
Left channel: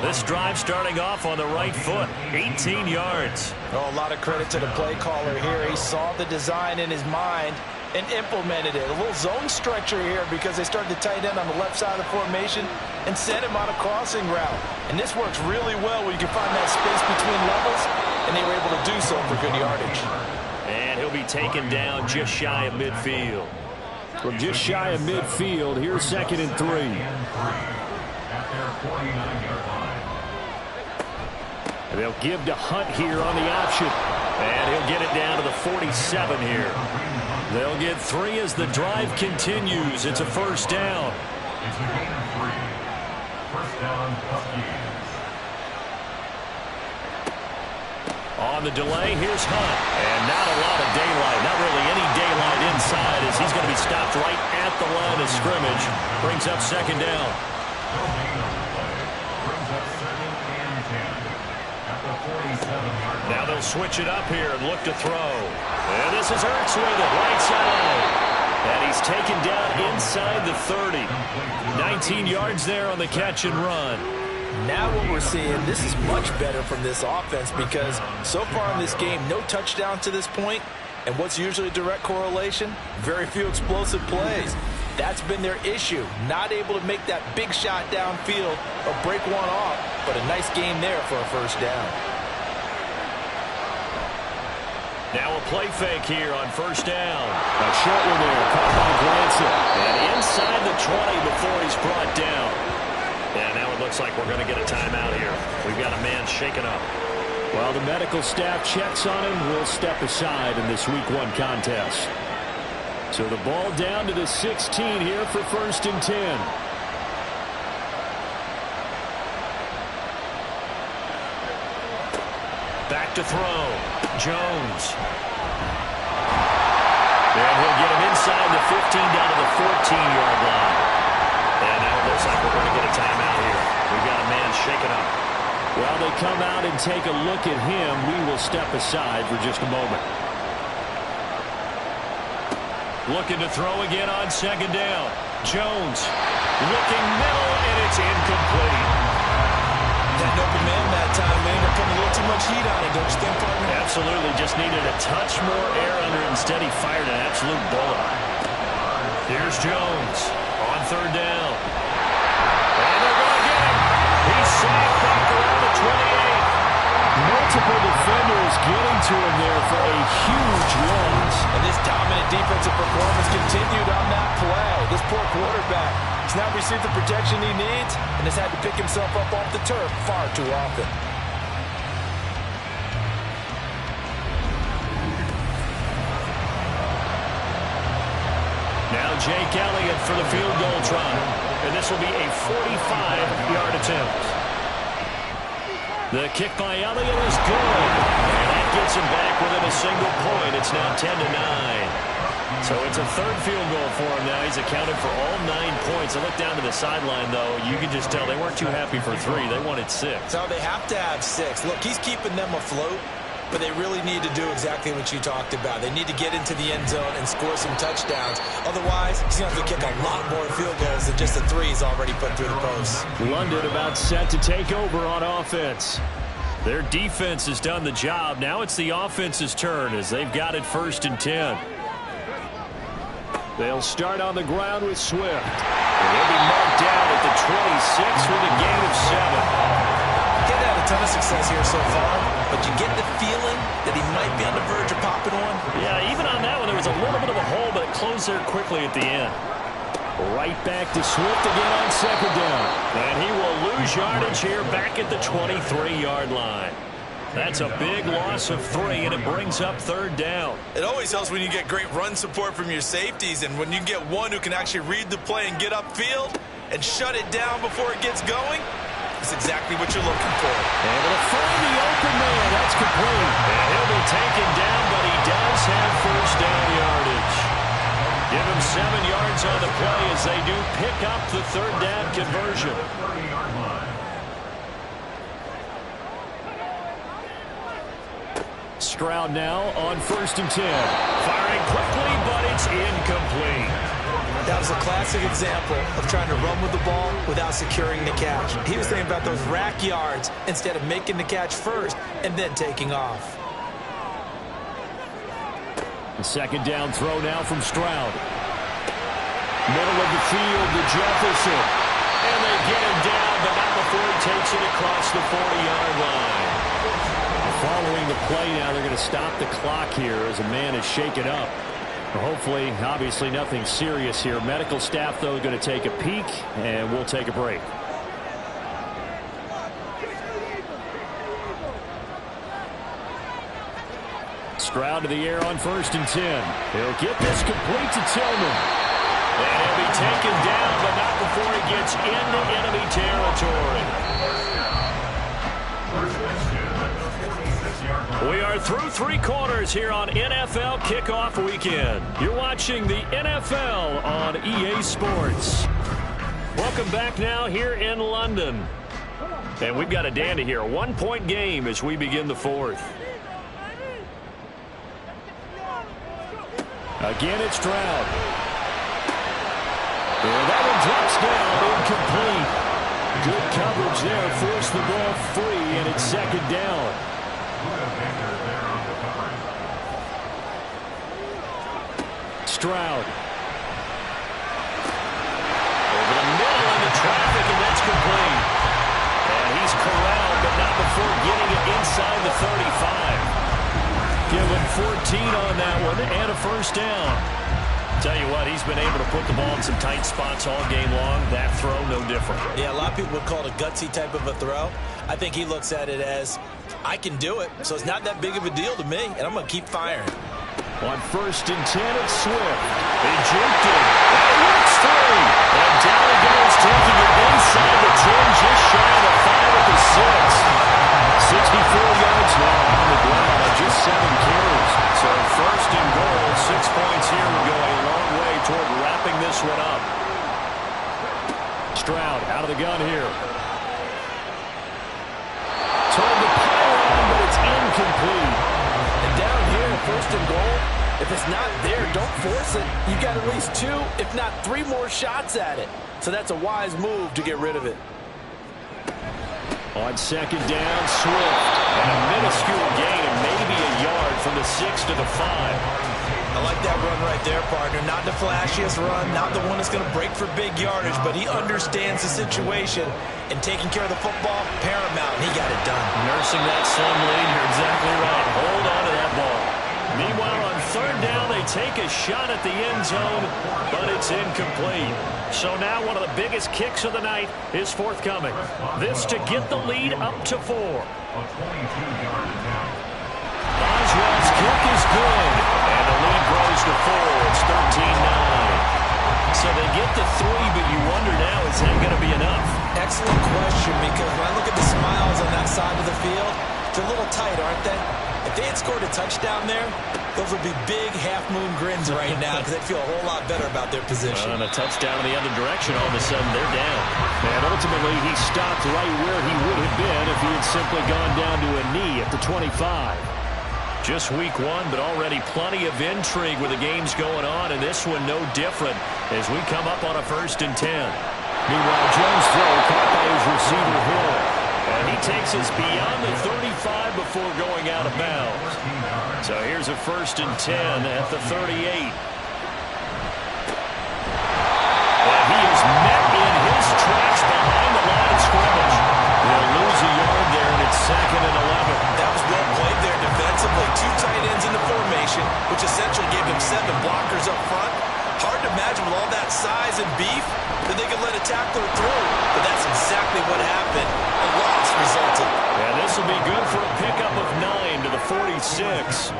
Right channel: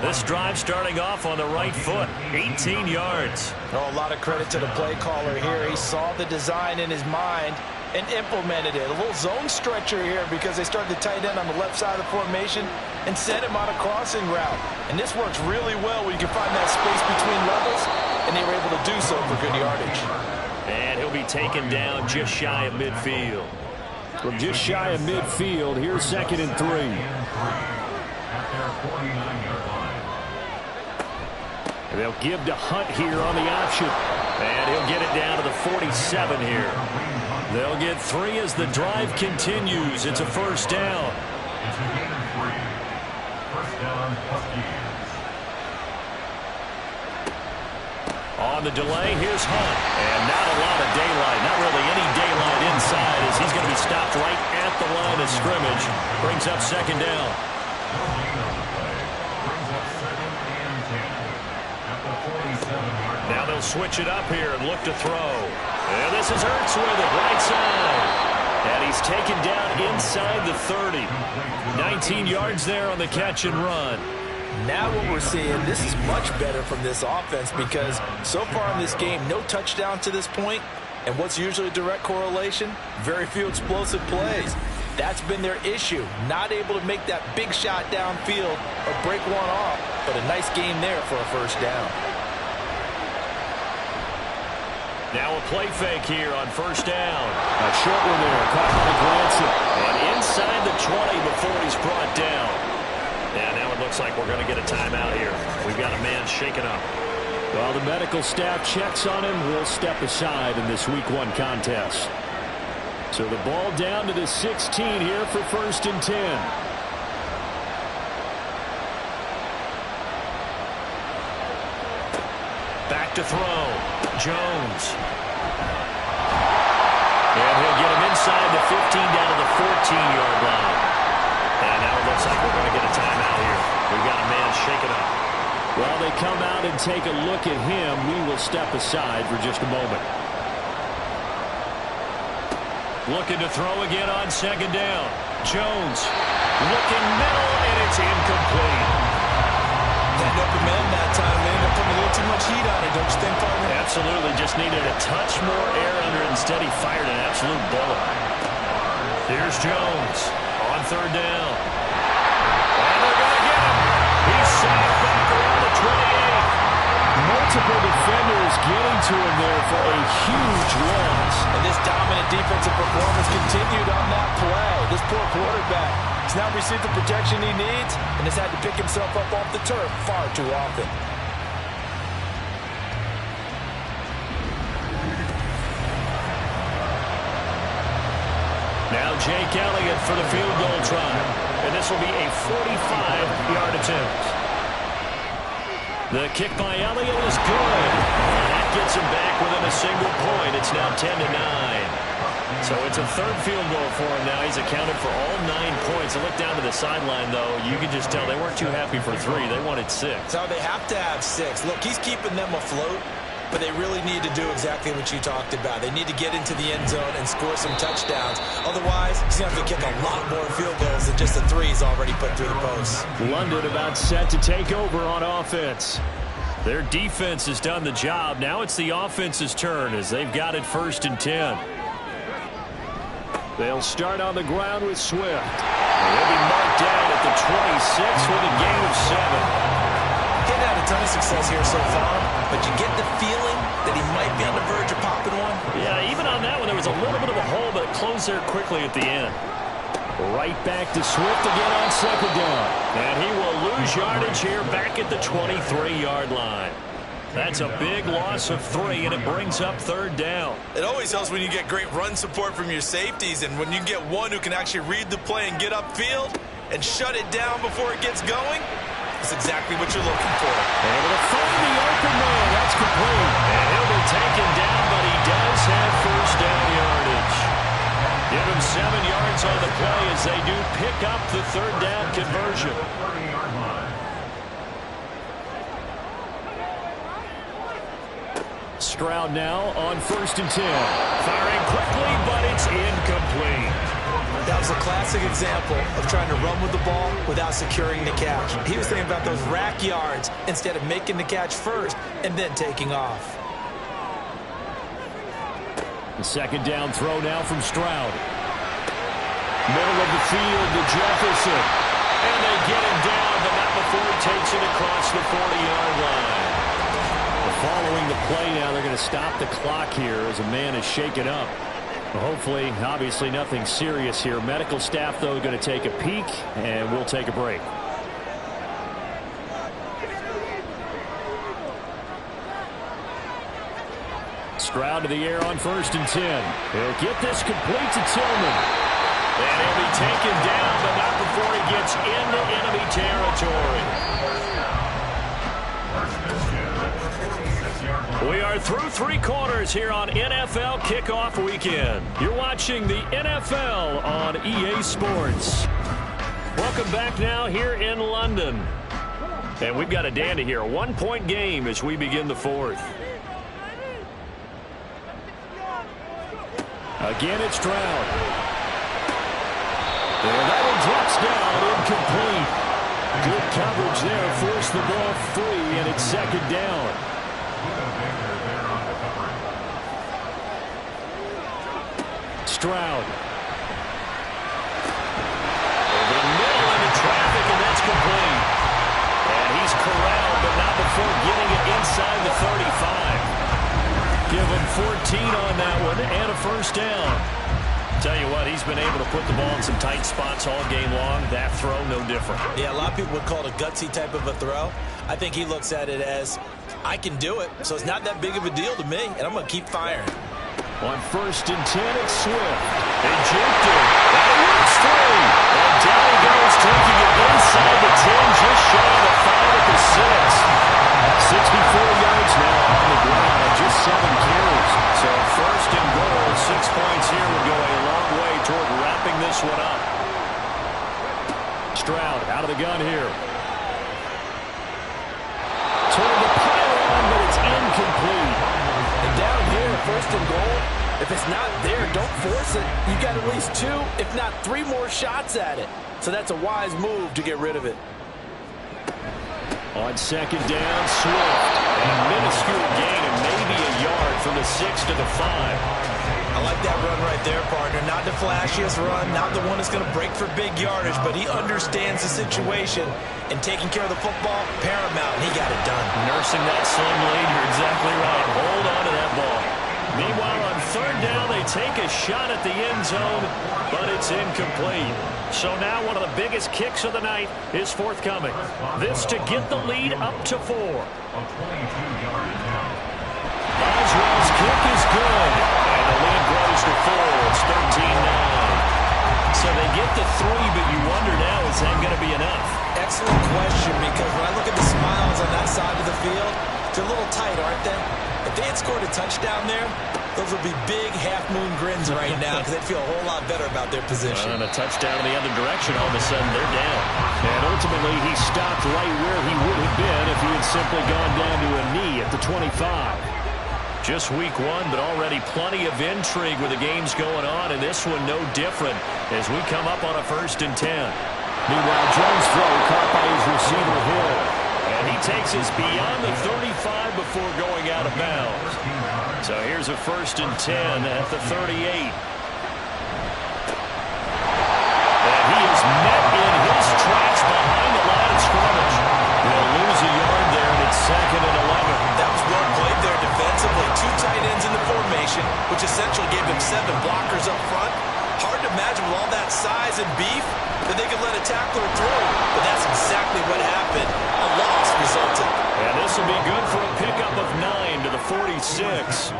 This drive starting off on the right foot, 18 yards. Oh, a lot of credit to the play caller here. He saw the design in his mind and implemented it. A little zone stretcher here because they started the tight end on the left side of the formation and sent him on a crossing route. And this works really well when you can find that space between levels, and they were able to do so for good yardage. And he'll be taken down just shy of midfield. From just shy of midfield, here's 2nd and 3. At their 49-yard line. And they'll give to Hunt here on the option. And he'll get it down to the 47 here. They'll get 3 as the drive continues. It's a first down. It's a gain of 3. First down, Huskies. On the delay, here's Hunt. And not a lot of daylight. Not really any daylight inside as he's going to be stopped right at the line of scrimmage. Brings up second down. No gain on the play. Brings up 2nd and 10 at the 47-yard line. Now they'll switch it up here and look to throw. And this is Ertz with it, right side. And he's taken down inside the 30. 19 yards there on the catch and run. Now what we're seeing, this is much better from this offense because so far in this game, no touchdown to this point. And what's usually a direct correlation? Very few explosive plays. That's been their issue. Not able to make that big shot downfield or break one off, but a nice game there for a first down. Now a play fake here on first down. A short one there, caught by Glanson. And inside the 20 before he's brought down. Yeah, now it looks like we're going to get a timeout here. We've got a man shaken up. Well, the medical staff checks on him. We'll step aside in this Week 1 contest. So the ball down to the 16 here for 1st and 10. Back to throw. Jones. And he'll get him inside the 15 down to the 14-yard line. And now it looks like we're going to get a timeout here. We've got a man shaken up. While they come out and take a look at him, we will step aside for just a moment. Looking to throw again on second down. Jones looking middle, and it's incomplete. That open man that time, man, they're putting a little too much heat on it, don't you think, partner? Absolutely. Just needed a touch more air under it. Instead, he fired an absolute bullet. Here's Jones on third down. And they're going to get him. He's sacked back around the 28. Multiple defenders to him there for a huge loss. And this dominant defensive performance continued on that play. This poor quarterback has now received the protection he needs and has had to pick himself up off the turf far too often. Now Jake Elliott for the field goal try. And this will be a 45-yard attempt. The kick by Elliott is good. And that gets him back within a single point. It's now 10-9. So it's a third field goal for him now. He's accounted for all 9 points. I look down to the sideline, though. You can just tell they weren't too happy for 3. They wanted 6. So they have to have 6. Look, he's keeping them afloat. But they really need to do exactly what you talked about. They need to get into the end zone and score some touchdowns. Otherwise, he's going to have to kick a lot more field goals than just the 3 he's already put through the post. London about set to take over on offense. Their defense has done the job. Now it's the offense's turn as they've got it 1st and 10. They'll start on the ground with Swift. And he'll be marked down at the 26 with a gain of 7. He's had a ton of success here so far, but you get the feeling that he might be on the verge of popping one. Yeah, even on that one, there was a little bit of a hole, but it closed there quickly at the end. Right back to Swift again on 2nd down. And he will lose yardage here back at the 23-yard line. That's a big loss of 3, and it brings up 3rd down. It always helps when you get great run support from your safeties, and when you get one who can actually read the play and get upfield and shut it down before it gets going. That's exactly what you're looking for. Able to find the open man. That's complete. And he'll be taken down, but he does have 1st down yardage. Give him 7 yards on the play as they do pick up the 3rd down conversion. Stroud now on 1st and 10. Firing quickly, but it's incomplete. That was a classic example of trying to run with the ball without securing the catch. He was thinking about those rack yards instead of making the catch first and then taking off. The 2nd down throw now from Stroud. Middle of the field to Jefferson. And they get him down, but not before he takes it across the 40-yard line. Following the play now, they're going to stop the clock here as a man is shaken up. Hopefully, obviously nothing serious here. Medical staff, though, going to take a peek, and we'll take a break. Stroud to the air on 1st and 10. He'll get this complete to Tillman. And he'll be taken down, but not before he gets into enemy territory. We are through 3 quarters here on NFL Kickoff Weekend. You're watching the NFL on EA Sports. Welcome back now here in London. And we've got a dandy here. A 1-point game as we begin the 4th. Again, it's Stroud. And that one drops down, incomplete. Good coverage there, forced the ball free, and it's 2nd down. Stroud. Over the middle into traffic, and that's complete. And he's corralled, but not before getting it inside the 35. Give him 14 on that one, and a 1st down. Tell you what, he's been able to put the ball in some tight spots all game long. That throw, no different. Yeah, a lot of people would call it a gutsy type of a throw. I think he looks at it as, I can do it, so it's not that big of a deal to me, and I'm going to keep firing. On 1st and 10, it's Swift. They juked him. That works free. And down he goes, taking it inside the 10, just shy of the 5 at the 6. 64 yards now on the ground on just 7 carries. So 1st and goal, 6 points here would go a long way toward wrapping this one up. Stroud out of the gun here. Toward the pylon, but it's incomplete. And down here, 1st and goal, if it's not there, don't force it. You've got at least 2, if not 3 more shots at it. So that's a wise move to get rid of it. On 2nd down, Swift. And a minuscule gain of maybe a yard from the 6 to the 5. I like that run right there, partner. Not the flashiest run, not the one that's going to break for big yardage, but he understands the situation, and taking care of the football, paramount, and he got it done. Nursing that slim lead, you're exactly right. Hold on to that ball. Meanwhile, on third down, they take a shot at the end zone, but it's incomplete. So now one of the biggest kicks of the night is forthcoming. This to get the lead up to 4. A 22-yard attempt. Boswell's kick is good, and the lead grows to 4. It's 13-9. So they get the 3, but you wonder now, is that going to be enough? Excellent question, because when I look at the smiles on that side of the field, they're a little tight, aren't they? If they had scored a touchdown there, those would be big half-moon grins right now, because they'd feel a whole lot better about their position. And a touchdown in the other direction, all of a sudden they're down. And ultimately, he stopped right where he would have been if he had simply gone down to a knee at the 25. Just week 1, but already plenty of intrigue with the games going on, and this one no different as we come up on a 1st and 10. Meanwhile, Jones' throw caught by his receiver, Hill. And he takes us beyond the 35 before going out of bounds. So here's a 1st and 10 at the 38. And he is met in his tracks behind the line of scrimmage. He'll lose a yard there, and it's 2nd and 11. That was well played there defensively. 2 tight ends in the formation, which essentially gave him 7 blockers up front. Hard to imagine with all that size and beef that they could let a tackler through. But that's exactly what happened. A loss resulted. And this will be good for a pickup of 9 to the 46.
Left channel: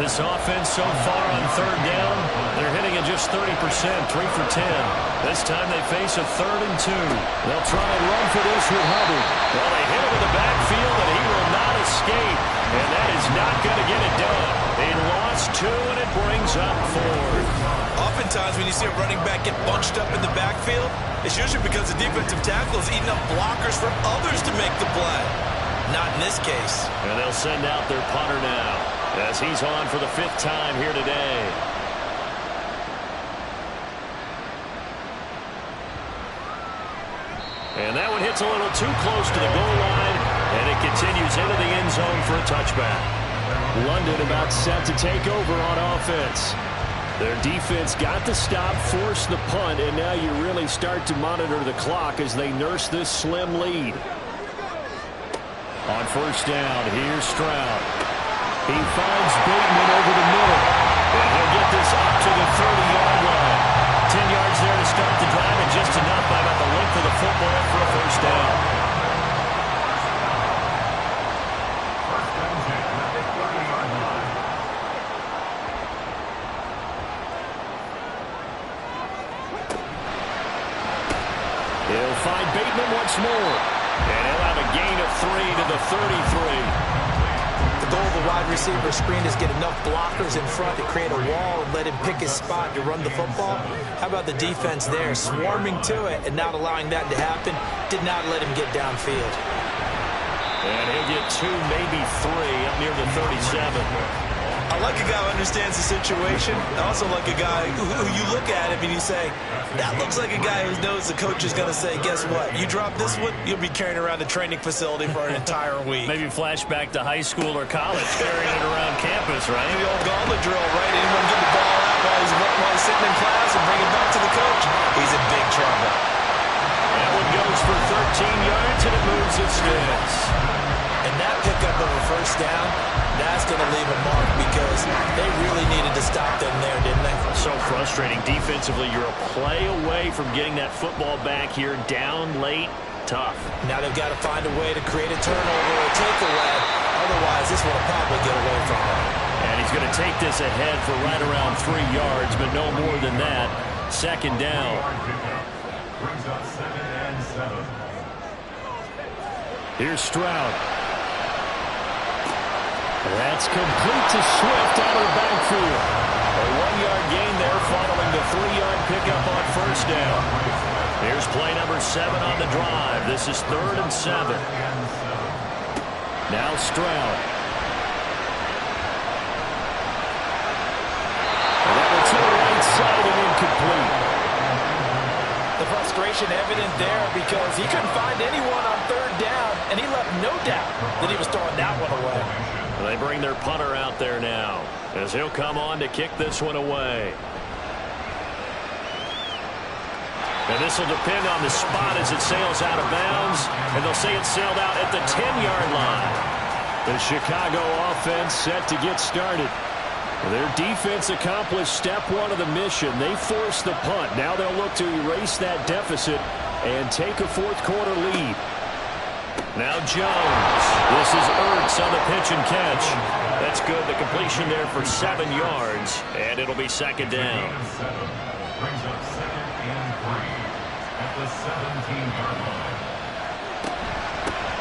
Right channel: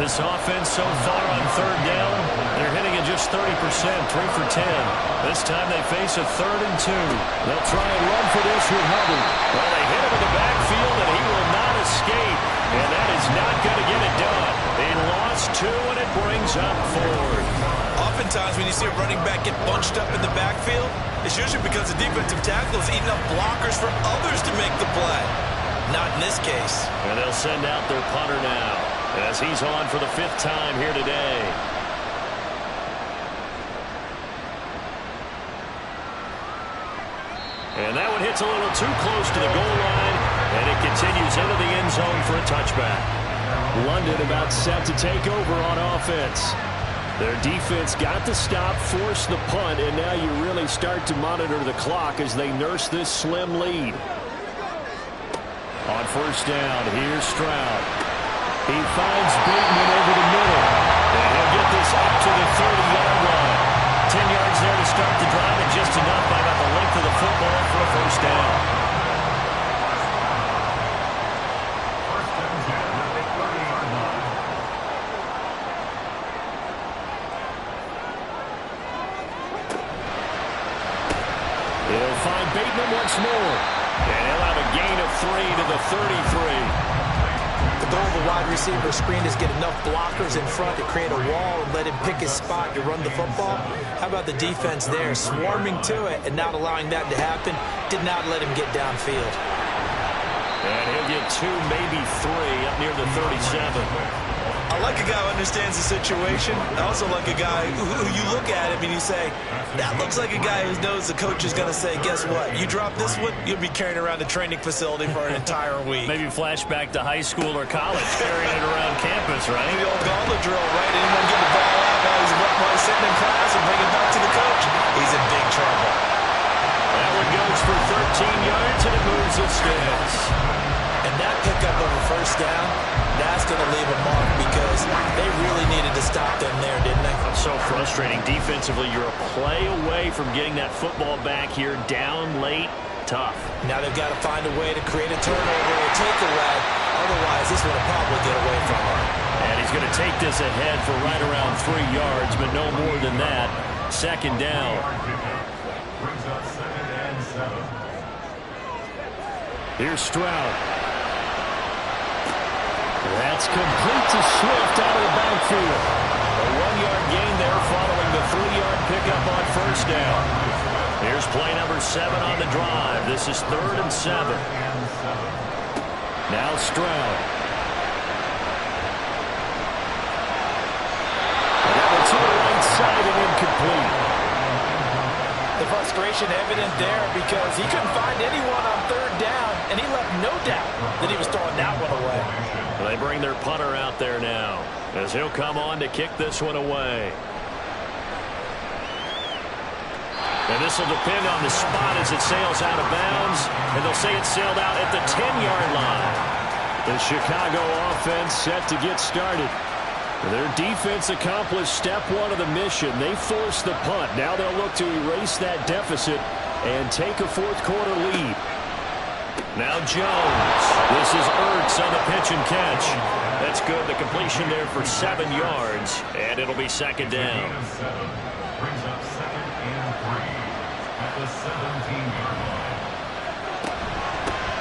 This offense so far on 3rd down, they're hitting at just 30%, 3 for 10. This time they face a 3rd and 2. They'll try and run for this with Hubbard. Well, they hit him in the backfield, and he will not escape. And that is not going to get it done. He lost 2, and it brings up 4. Oftentimes when you see a running back get bunched up in the backfield, it's usually because the defensive tackle is eating up blockers for others to make the play. Not in this case. And they'll send out their punter now as he's on for the 5th time here today. And that one hits a little too close to the goal line, and it continues into the end zone for a touchback. London about set to take over on offense. Their defense got the stop, forced the punt, and now you really start to monitor the clock as they nurse this slim lead. On 1st down, here's Stroud. He finds Bateman over the middle, and he'll get this up to the 30-yard line. 10 yards there to start the drive, and just enough by about the length of the football for a 1st down. First and 10 at the 30-yard line. He'll find Bateman once more, and he'll have a gain of 3 to the 33. The goal of the wide receiver screen is get enough blockers in front to create a wall and let him pick his spot to run the football. How about the defense there, swarming to it and not allowing that to happen? Did not let him get downfield. And he'll get 2, maybe 3 up near the 37. I like a guy who understands the situation. I also like a guy who you look at him and you say, that looks like a guy who knows the coach is going to say, guess what? You drop this one, you'll be carrying around the training facility for an entire week. Maybe flashback to high school or college, carrying it around campus, right? The old gauntlet drill, right? Anyone get the ball out while he's sitting in class and bring it back to the coach? He's in big trouble. That one goes for 13 yards, and it moves the sticks. And that pickup of a 1st down, that's going to leave a mark because they really needed to stop them there, didn't they? So frustrating. Defensively, you're a play away from getting that football back here down late. Tough. Now they've got to find a way to create a turnover or takeaway. Otherwise, this one will probably get away from them. And he's going to take this ahead for right around 3 yards, but no more than that. 2nd down. Brings up 2nd and 7. Here's Stroud. That's complete to Swift out of the backfield. A 1-yard gain there following the 3-yard pickup on 1st down. Here's play number 7 on the drive. This is 3rd and 7. Now Stroud. And that one to the right side and incomplete. The frustration evident there because he couldn't find anyone on 3rd down, and he left no doubt that he was throwing that one away. They bring their punter out there now as he'll come on to kick this one away. And this will depend on the spot as it sails out of bounds. And they'll say it sailed out at the 10-yard line. The Chicago offense set to get started. Their defense accomplished step one of the mission. They forced the punt. Now they'll look to erase that deficit and take a fourth-quarter lead. Now Jones. This is Ertz on the pitch and catch. That's good. The completion there for 7 yards. And it'll be second down. Brings up 2nd and 3 at the 17-yard line.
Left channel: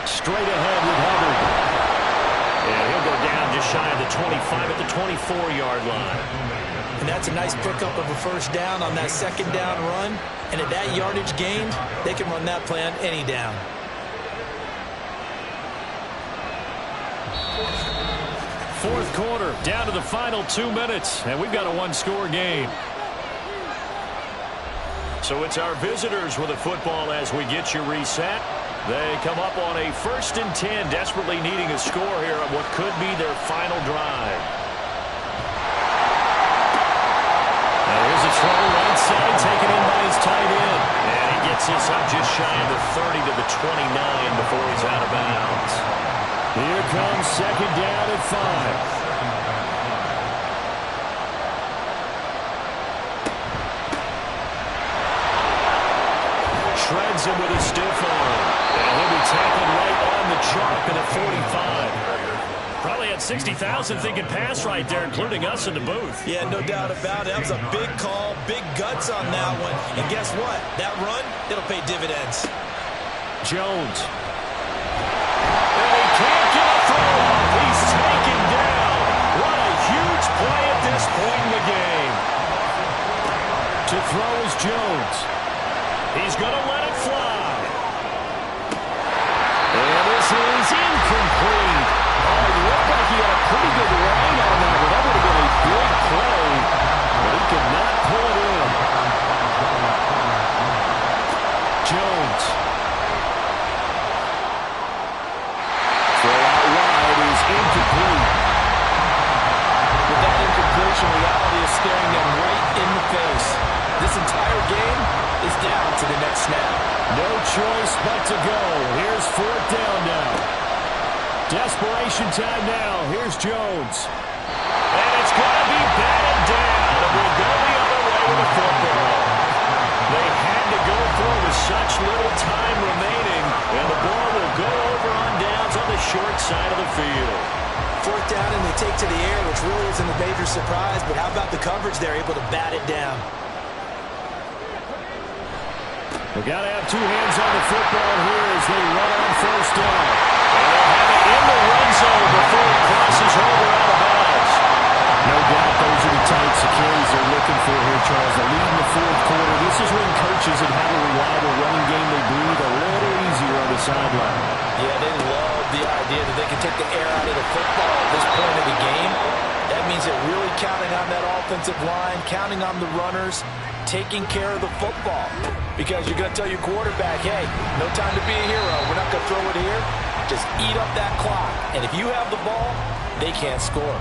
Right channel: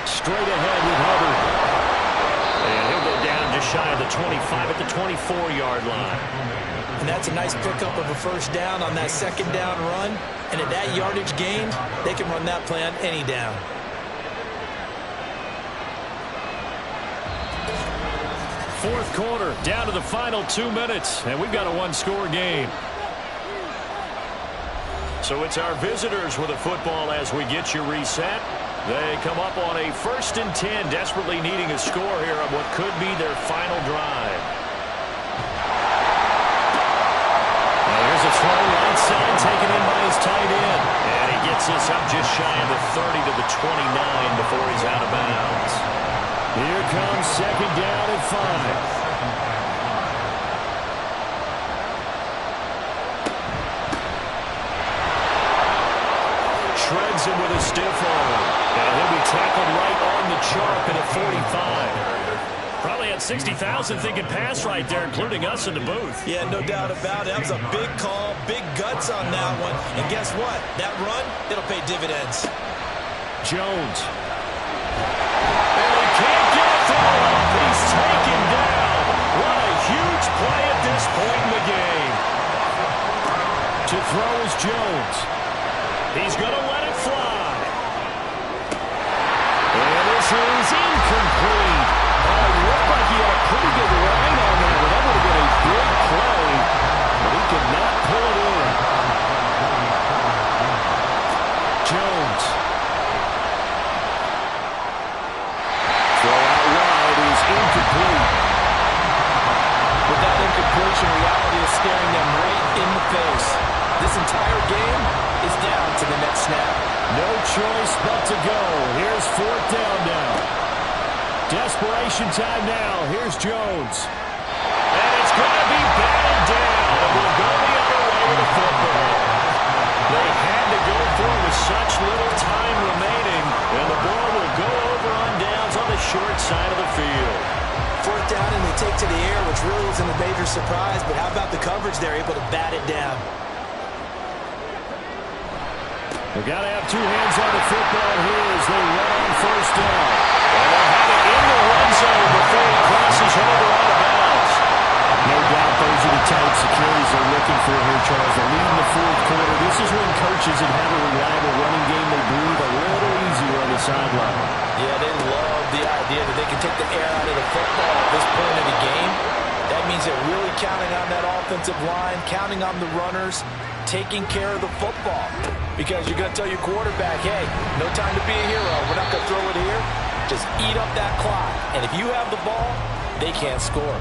Straight ahead with Hubbard. And he'll go down just shy of the 25 at the 24-yard line. And that's a nice pickup of a first down on that second down run. And at that yardage gained, they can run that play on any down. Fourth quarter, down to the final 2 minutes, and we've got a one-score game. So it's our visitors with the football as we get you reset. They come up on a 1st and 10, desperately needing a score here on what could be their final drive. Now here's a throw right side, taken in by his tight end. And he gets this up just shy of the 30 to the 29 before he's out of bounds. Here comes second down at 5. Shreds him with a stiff arm. And he'll be tackled right on the chalk at the 45. Probably had 60,000 thinking pass right there, including us in the booth. Yeah, no doubt about it. That was a big call, big guts on that one. And guess what? That run, it'll pay dividends. Jones. And he can't get a throw off. He's taken down. What a huge play at this point in the game. To throw is Jones. He's going to let it fly. And this is incomplete. Oh, it looked like he had a pretty good line on that one. That would have been a big play, but he could not pull it in. Jones. Throw out wide is incomplete. With that incompletion, reality is staring them right in the face. This entire game is down to the next snap. No choice but to go. Here's fourth down now. Desperation time now. Here's Jones. And it's going to be batted down. And we'll go the other way with the football. They had to go for it with such little time remaining. And the ball will go over on downs on the short side of the field. Fourth down and they take to the air, which really isn't a major surprise. But how about the coverage? They're able to bat it down. They've got to have two hands on the football here as they run on first down. And they'll have it in the run zone before he crosses over out of bounds. No doubt those are the types of carries they're looking for here, Charles. A lead in the fourth quarter. This is when coaches that have a reliable running game, they breathe a little easier on the sideline. Yeah, they love the idea that they can take the air out of the football at this point of the game. That means they're really counting on that offensive line, counting on the runners, taking care of the football. Because you're going to tell your quarterback, hey, no time to be a hero. We're not going to throw it here. Just eat up that clock. And if you have the ball, they can't score.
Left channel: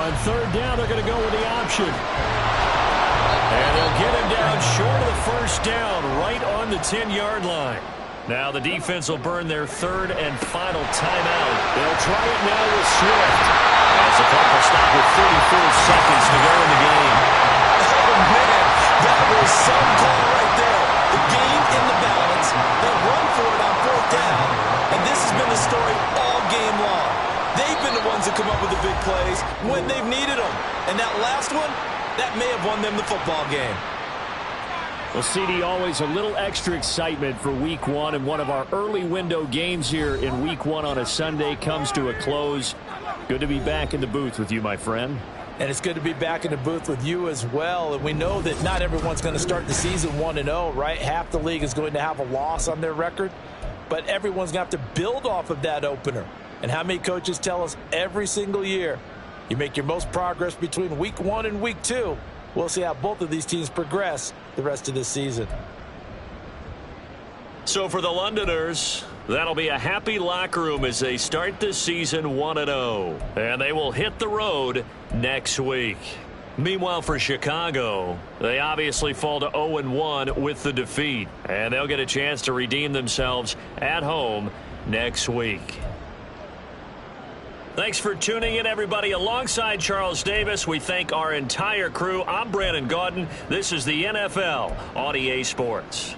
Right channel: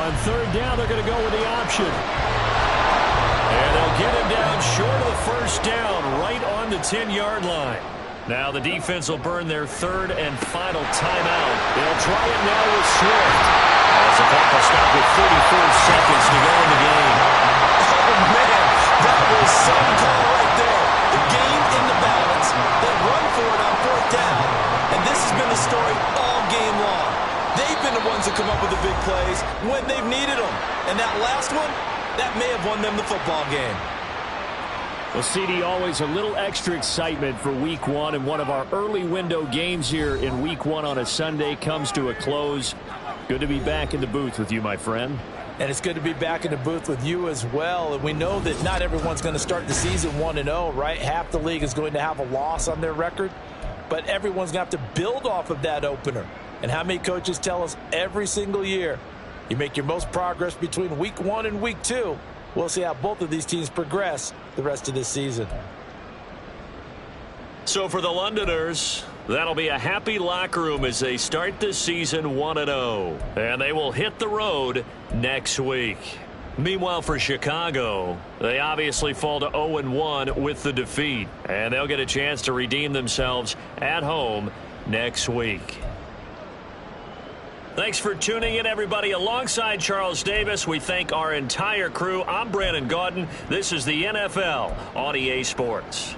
On third down, they're going to go with the option. And they'll get him down short of the first down, right on the 10-yard line. Now the defense will burn their third and final timeout. They'll try it now with Swift. As the clock will stop with 34 seconds to go in the game. Oh, man, that was some call right there. The game in the balance. They run for it on fourth down. And this has been the story all game long. They've been the ones that come up with the big plays when they've needed them. And that last one, that may have won them the football game. Well, CD, always a little extra excitement for Week 1, and one of our early window games here in Week 1 on a Sunday comes to a close. Good to be back in the booth with you, my friend. And it's good to be back in the booth with you as well. And we know that not everyone's going to start the season 1-0, right? Half the league is going to have a loss on their record, but everyone's going to have to build off of that opener. And how many coaches tell us every single year, you make your most progress between Week 1 and Week 2. We'll see how both of these teams progress the rest of this season. So for the Londoners, that'll be a happy locker room as they start the season 1-0. And they will hit the road next week. Meanwhile, for Chicago, they obviously fall to 0-1 with the defeat. And they'll get a chance to redeem themselves at home next week. Thanks for tuning in, everybody. Alongside Charles Davis, we thank our entire crew. I'm Brandon Gaudin. This is the NFL on EA Sports.